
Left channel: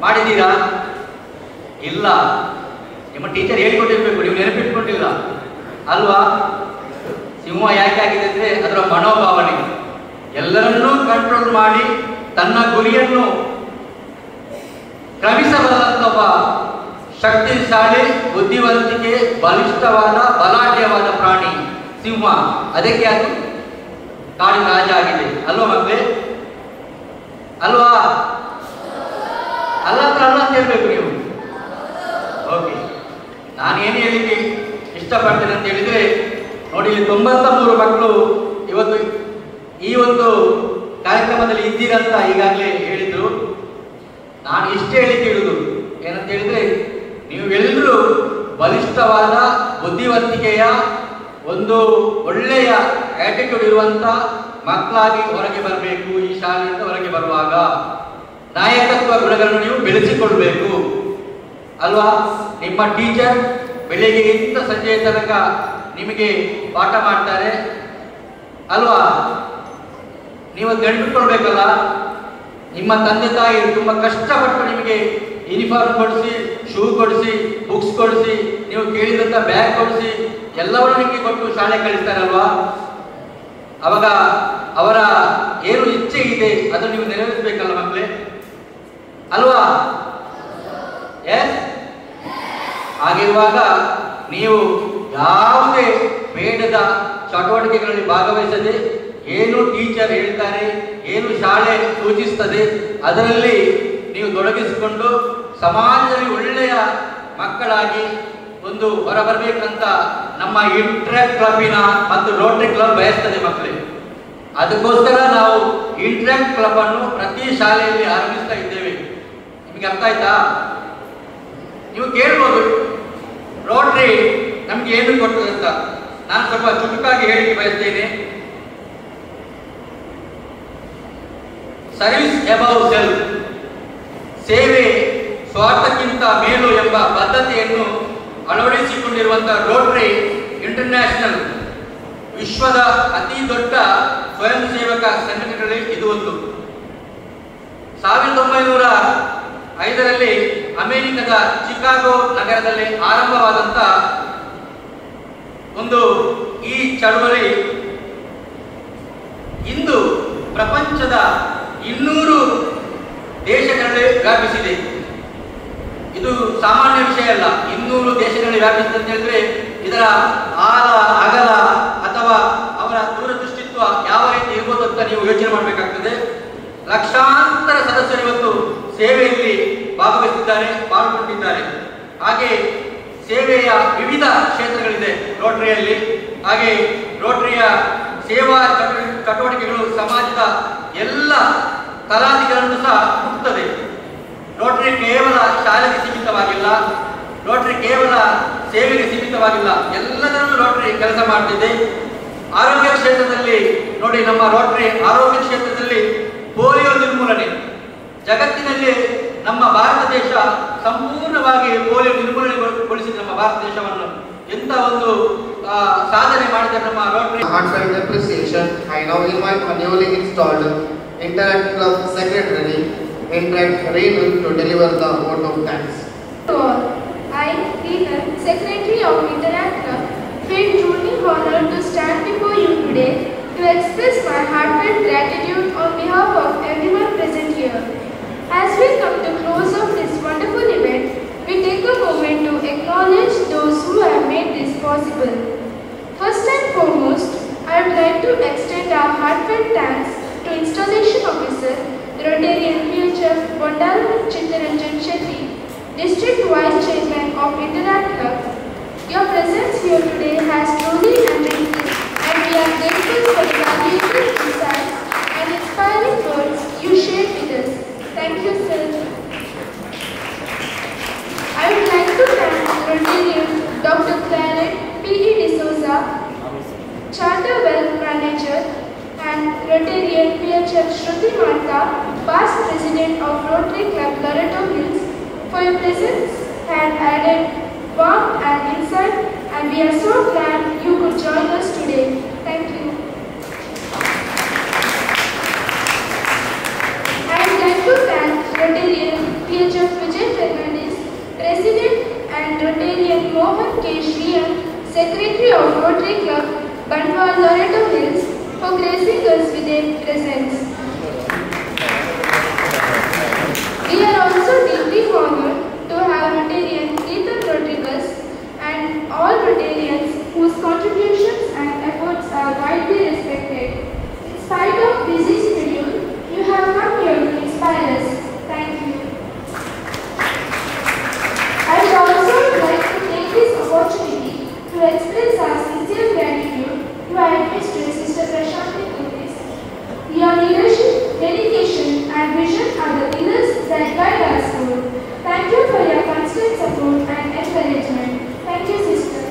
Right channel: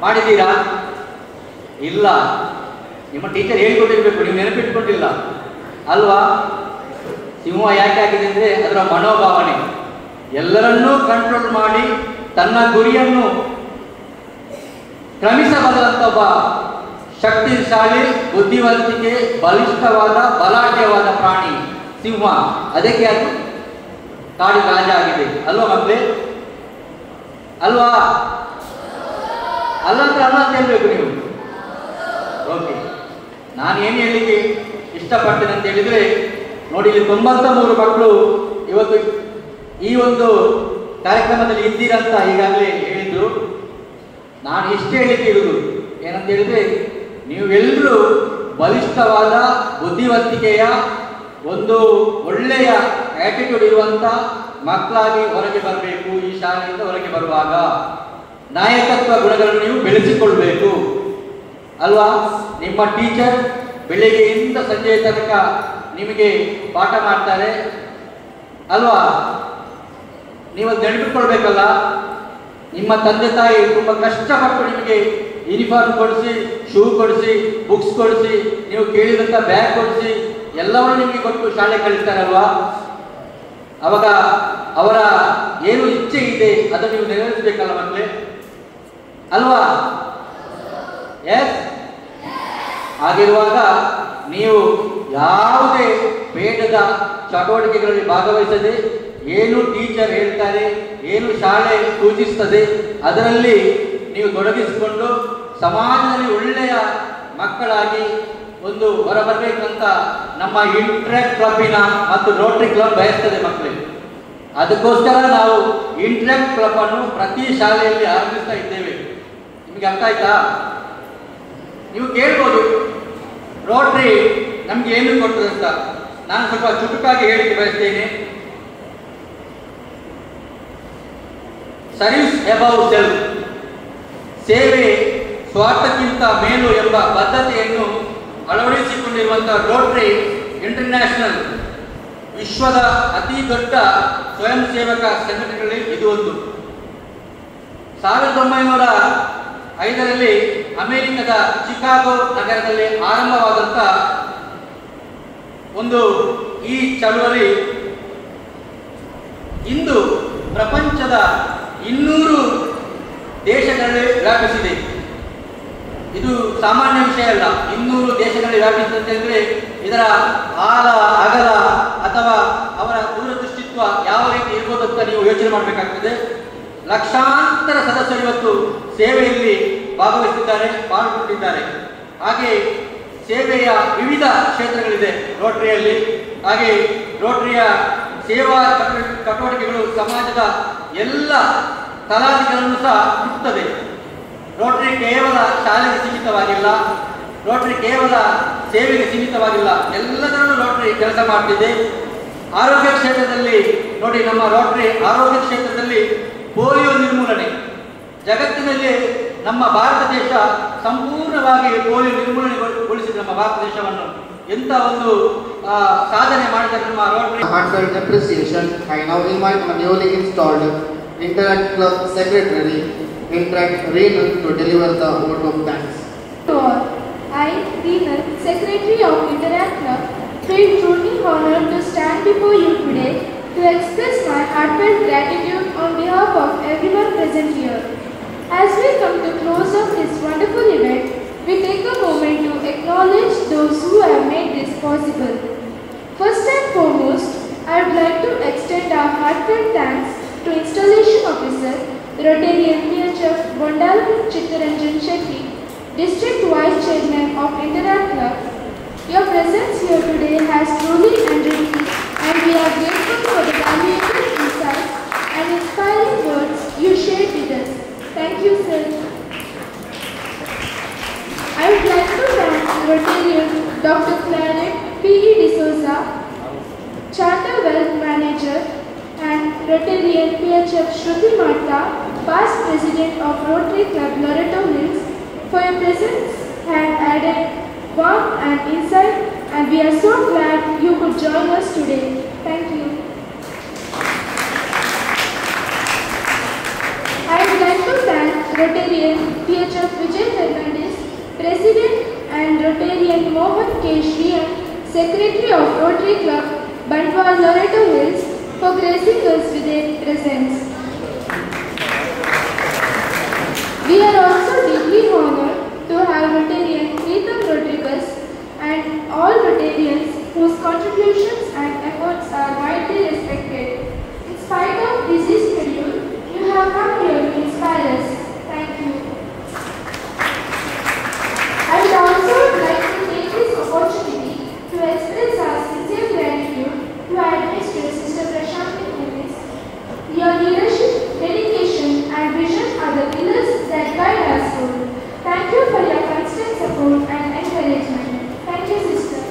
ಮಾಡಿದ್ದೀರಾ? ಇಲ್ಲ. ನಿಮ್ಮ ಟೀಚರ್ ಹೇಳಿಕೊಟ್ಟಿರ್ಬೇಕು, ನೀವು ನೆನಪಿಟ್ಕೊಂಡಿಲ್ಲ ಅಲ್ವಾ? ಸಿಂಹ ಯಾಕೆ ಆಗಿದೆ ಅಂದ್ರೆ ಅದರ ಮನೋಭಾವನೆ. ಎಲ್ಲರನ್ನೂ ಕಂಟ್ರೋಲ್ ಮಾಡಿ ತನ್ನ ಗುರಿಯನ್ನು ಕ್ರಮಿಸಬಲ್ಲಂತ ಒಬ್ಬ ಶಕ್ತಿಶಾಲಿ, ಬುದ್ಧಿವಂತಿಕೆ, ಬಲಿಷ್ಠವಾದ, ಬಲಾಢ್ಯವಾದ ಪ್ರಾಣಿ ಸಿಂಹ. ಅದಕ್ಕೆ ಅದು ಕಾಡಿನ ರಾಜ ಆಗಿದೆ ಅಲ್ವಾ ಮಕ್ಕಳೇ? ಅಲ್ವಾ? ಅಲ್ಲ ಅಂತ ಹೇಳ್ಬೇಕು ನೀವು. ಓಕೆ, ನಾನು ಏನು ಹೇಳಿಕ್ಕೆ ಇಷ್ಟಪಡ್ತೇನೆ ಅಂತ ಹೇಳಿದ್ರೆ, ನೋಡಿ, ಇಲ್ಲಿ 93 ಮಕ್ಕಳು ಇವತ್ತು ಈ ಒಂದು ಕಾರ್ಯಕ್ರಮದಲ್ಲಿ ಇದ್ದೀರಂತ ಈಗಾಗಲೇ ಹೇಳಿದ್ರು. ನಾನು ಇಷ್ಟೇ ಹೇಳಿಕೆ ಇಡುದು ಏನಂತ ಹೇಳಿದ್ರೆ, ನೀವೆಲ್ಲರೂ ಬಲಿಷ್ಠವಾದ, ಬುದ್ಧಿವಂತಿಕೆಯ, ಒಂದು ಒಳ್ಳೆಯ ಆಟಿಟ್ಯೂಡ್ ಇರುವಂತ ಮಕ್ಕಳಾಗಿ ಹೊರಗೆ ಬರಬೇಕು. ಈ ಶಾಲೆಯಿಂದ ಹೊರಗೆ ಬರುವಾಗ ನಾಯಕತ್ವ ಗುಣಗಳನ್ನು ನೀವು ಬೆಳೆಸಿಕೊಳ್ಬೇಕು ಅಲ್ವಾ? ನಿಮ್ಮ ಟೀಚರ್ ಬೆಳಿಗ್ಗೆಯಿಂದ ಸಂಜೆಯ ತನಕ ನಿಮಗೆ ಪಾಠ ಮಾಡ್ತಾರೆ ಅಲ್ವಾ? ನೀವು ನೆನಪಿಟ್ಕೊಳ್ಬೇಕಲ್ಲ. ನಿಮ್ಮ ತಂದೆ ತಾಯಿ ತುಂಬಾ ಕಷ್ಟಪಟ್ಟು ನಿಮಗೆ ಯೂನಿಫಾರ್ಮ್ ಕೊಡಿಸಿ, ಶೂ ಕೊಡಿಸಿ, ಬುಕ್ಸ್ ಕೊಡಿಸಿ, ನೀವು ಕೇಳಿದಂತ ಬ್ಯಾಗ್ ಕೊಡಿಸಿ, ಎಲ್ಲವನ್ನೂ ನಿಮಗೆ ಕೊಟ್ಟು ಶಾಲೆ ಕಳಿಸ್ತಾರಲ್ವಾ? ಅವಾಗ ಅವರ ಏನು ಇಚ್ಛೆ ಇದೆ ಅದನ್ನು ನೀವು ನೆರವೇರಿಸಬೇಕಲ್ಲ ಮಕ್ಕಳೇ ಅಲ್ವಾ? ಎಸ್. ಹಾಗಿರುವಾಗ ನೀವು ಯಾವುದೇ ಬೇಡದ ಚಟುವಟಿಕೆಗಳಲ್ಲಿ ಭಾಗವಹಿಸದೆ, ಏನು ಟೀಚರ್ ಹೇಳ್ತಾರೆ, ಏನು ಶಾಲೆ ಸೂಚಿಸ್ತದೆ ಅದರಲ್ಲಿ ನೀವು ತೊಡಗಿಸಿಕೊಂಡು ಸಮಾಜದಲ್ಲಿ ಒಳ್ಳೆಯ ಮಕ್ಕಳಾಗಿ ಒಂದು ಹೊರಬರಬೇಕಂತ ನಮ್ಮ ಇಂಟ್ರಾಕ್ಟ್ ಕ್ಲಬ್ಬಿನ ಮತ್ತು ರೋಟರಿ ಕ್ಲಬ್ ಬಯಸ್ತದೆ ಮಕ್ಕಳೇ. ಅದಕ್ಕೋಸ್ಕರ ನಾವು ಇಂಟ್ರಾಕ್ಟ್ ಕ್ಲಬ್ ಅನ್ನು ಪ್ರತಿ ಶಾಲೆಯಲ್ಲಿ ಆರಂಭಿಸ್ತಾ ಇದ್ದೇವೆ. ನಿಮಗೆ ಅರ್ಥ ಆಯ್ತಾ? ನೀವು ಕೇಳ್ಬೋದು ರೋಟರಿ ನಮ್ಗೆ ಏನು ಕೊಡ್ತದೆ ಅಂತ. ನಾನು ಸ್ವಲ್ಪ ಚುಟುಕಾಗಿ ಹೇಳಿಕೆ ಬಯಸ್ತೇನೆ. ಸರ್ವಿಸ್ ಅಬೌವ್ ಸೆಲ್ಫ್, ಸೇವೆ ಸ್ವಾರ್ಥಕ್ಕಿಂತ ಮೇಲು ಎಂಬ ಬದ್ಧತೆಯನ್ನು ಅಳವಡಿಸಿಕೊಂಡಿರುವಂತಹ ರೋಟರಿ ಇಂಟರ್ನ್ಯಾಷನಲ್ ವಿಶ್ವದ ಅತಿ ದೊಡ್ಡ ಸ್ವಯಂ ಸೇವಕ ಸಂಘಟನೆಗಳಲ್ಲಿ ಇದು ಒಂದು. 1905ರಲ್ಲಿ ಅಮೆರಿಕದ ಚಿಕಾಗೋ ನಗರದಲ್ಲಿ ಆರಂಭವಾದಂತ ಒಂದು ಈ ಚಳವಳಿ ಇಂದು ಪ್ರಪಂಚದ 200 ದೇಶಗಳಲ್ಲಿ ವ್ಯಾಪಿಸಿದೆ. ಇದು ಸಾಮಾನ್ಯ ವಿಷಯ ಅಲ್ಲ. 200 ದೇಶಗಳಲ್ಲಿ ವ್ಯಾಪಿಸಿದೆ ಅಂದ್ರೆ ಇದರ ಆಳ, ಅಗಲ ಅಥವಾ ಅವರ ದೂರದೃಷ್ಟಿತ್ವ ಯಾವ ರೀತಿ ಇರ್ಬೋದು ಅಂತ ನೀವು ಯೋಚನೆ ಮಾಡಬೇಕಾಗ್ತದೆ. ಲಕ್ಷಾಂತರ ಸದಸ್ಯರು ಇವತ್ತು ಸೇವೆಯಲ್ಲಿ ಭಾಗವಹಿಸಿದ್ದಾರೆ, ಪಾಲ್ಗೊಂಡಿದ್ದಾರೆ. ಹಾಗೆ ಸೇವೆಯ ವಿವಿಧ ಕ್ಷೇತ್ರಗಳಿದೆ ರೋಟರಿಯಲ್ಲಿ. ಹಾಗೆ ರೋಟರಿಯ ಸೇವಾ ಚಟುವಟಿಕೆಗಳು ಸಮಾಜದ ಎಲ್ಲ ತಲಾದಿಗಳನ್ನು ಸಹ ಹುಟ್ಟುತ್ತದೆ. ರೋಟರಿ ಕೇವಲ ಶಾಲೆಗೆ ಸೀಮಿತವಾಗಿಲ್ಲ, ರೋಟರಿ ಕೇವಲ ಸೇವೆಗೆ ಸೀಮಿತವಾಗಿಲ್ಲ, ಎಲ್ಲದರಲ್ಲೂ ರೋಟರಿ ಕೆಲಸ ಮಾಡ್ತಿದೆ. ಆರೋಗ್ಯ ಕ್ಷೇತ್ರದಲ್ಲಿ ನೋಡಿ, ನಮ್ಮ ರೋಟರಿ ಆರೋಗ್ಯ ಕ್ಷೇತ್ರದಲ್ಲಿ ಪೋಲಿಯೋ ನಿರ್ಮೂಲನೆ, ಜಗತ್ತಿನಲ್ಲಿ ನಮ್ಮ ಭಾರತ ದೇಶ ಸಂಪೂರ್ಣವಾಗಿ ಪೋಲಿಯೋ ನಿರ್ಮೂಲನೆಗೊಳಿಸಿದೆ. ನಮ್ಮ ಭಾರತ ದೇಶವನ್ನು ಎಂತ ಒಂದು ಸಾಧನೆ ಮಾಡಿದ ನಮ್ಮ Rotary. Heartfelt appreciation. I now invite my newly installed Interact Club Secretary, Interact Renu, to deliver the vote of thanks. I, Renu, Secretary of Interact Club, feel truly honored to stand before you today to express my heartfelt gratitude on behalf of everyone present here. As we come to close of this wonderful event, we take a moment to acknowledge those who have made this possible. First and foremost, I would like to extend our heartfelt thanks to Installation Officer, Rotarian PHF Mandala Chittaranjan Shetty, District Vice Chairman of Interact Club. Your presence here today has truly enriched, and we are grateful for the valuable insights and inspiring words you shared with us. Thank you, sir. I would like to thank Rotarian Dr. Claret P.E. D'Souza, Charter Wealth Manager, and Rotarian PHF Shruti Manta, past President of Rotary Club Loreto Hills, for your presence and added warmth and insight, and we are so glad you could join us today. Thank you. I would like to thank Rotarian PHF Vijay Fernandez, President, and Rotarian Mohan K. Shriyan, Secretary of Rotary Club Bandwal Loreto Hills, for gracing us with their presence. We are also deeply honored to have Rotarian Ketan Rodriguez and all Rotarians whose contributions and efforts are widely respected. In spite of busy schedule, you have come here to inspire us. Thank you. I would also like to take this opportunity to express our sincere gratitude to our Administrator Sister Prashanti Pulis. Your leadership, dedication, and vision are the pillars that guide our school. Thank you for your constant support and encouragement. Thank you, sister.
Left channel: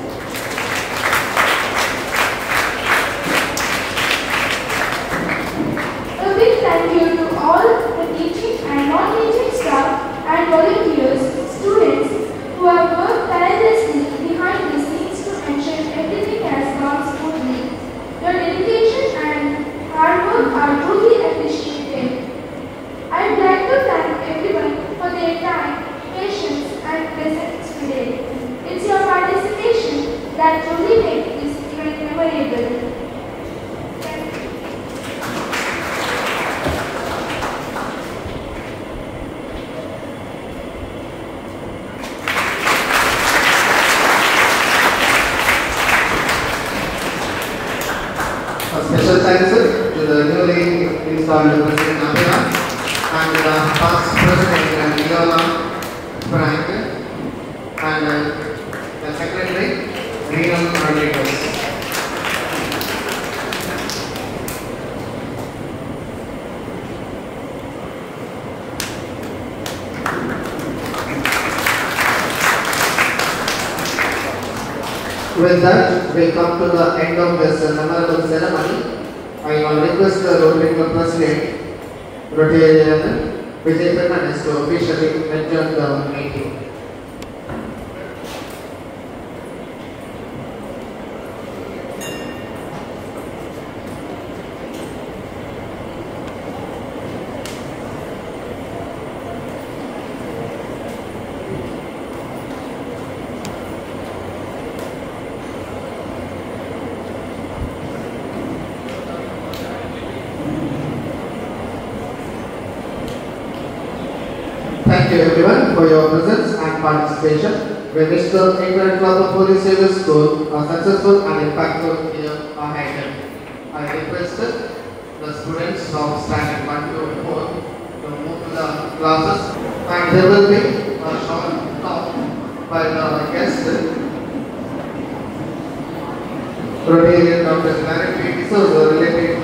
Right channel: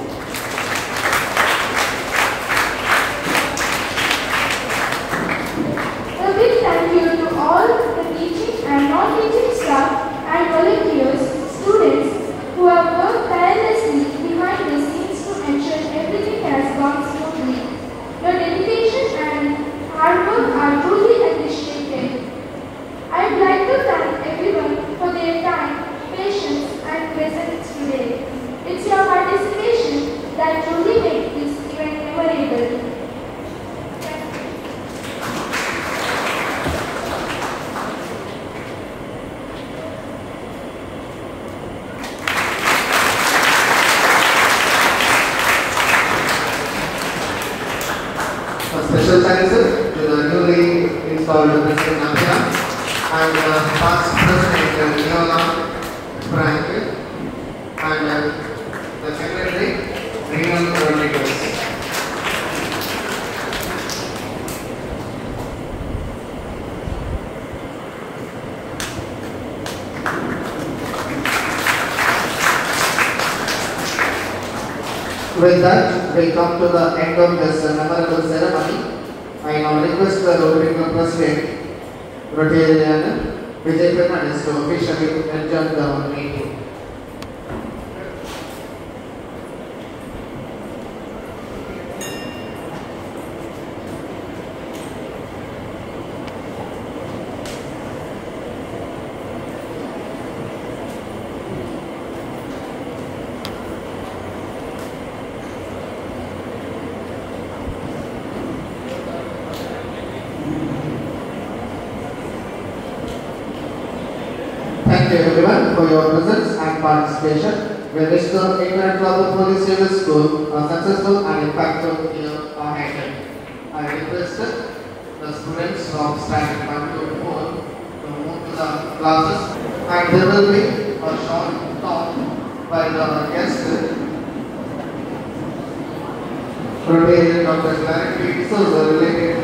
A big thank you to all the teaching and non-teaching staff and volunteers, students who have worked tirelessly behind the scenes to ensure everything has gone smoothly. Your dedication and hard work are truly appreciated. I would like to thank everyone for their time, patience, and presence today. It's your participation that truly makes this event memorable. Special thanks to the newly installed President Abhina and the past President Nicola Frank and the Secretary Renu Rodriguez. With that, we come to the end of this memorable ceremony. I now request the Rotary Club President, Rotarian Vijay Fernandez, to officially adjourn the meeting. Thank you everyone for your presence and participation. We wish the Interact Club of Police Service School a successful and impactful year ahead. I request the students from standard 1 to 4 to move to the classes, and there will be a short talk by the guest, Rotarian Dr. Claret P.E. D'Souza, related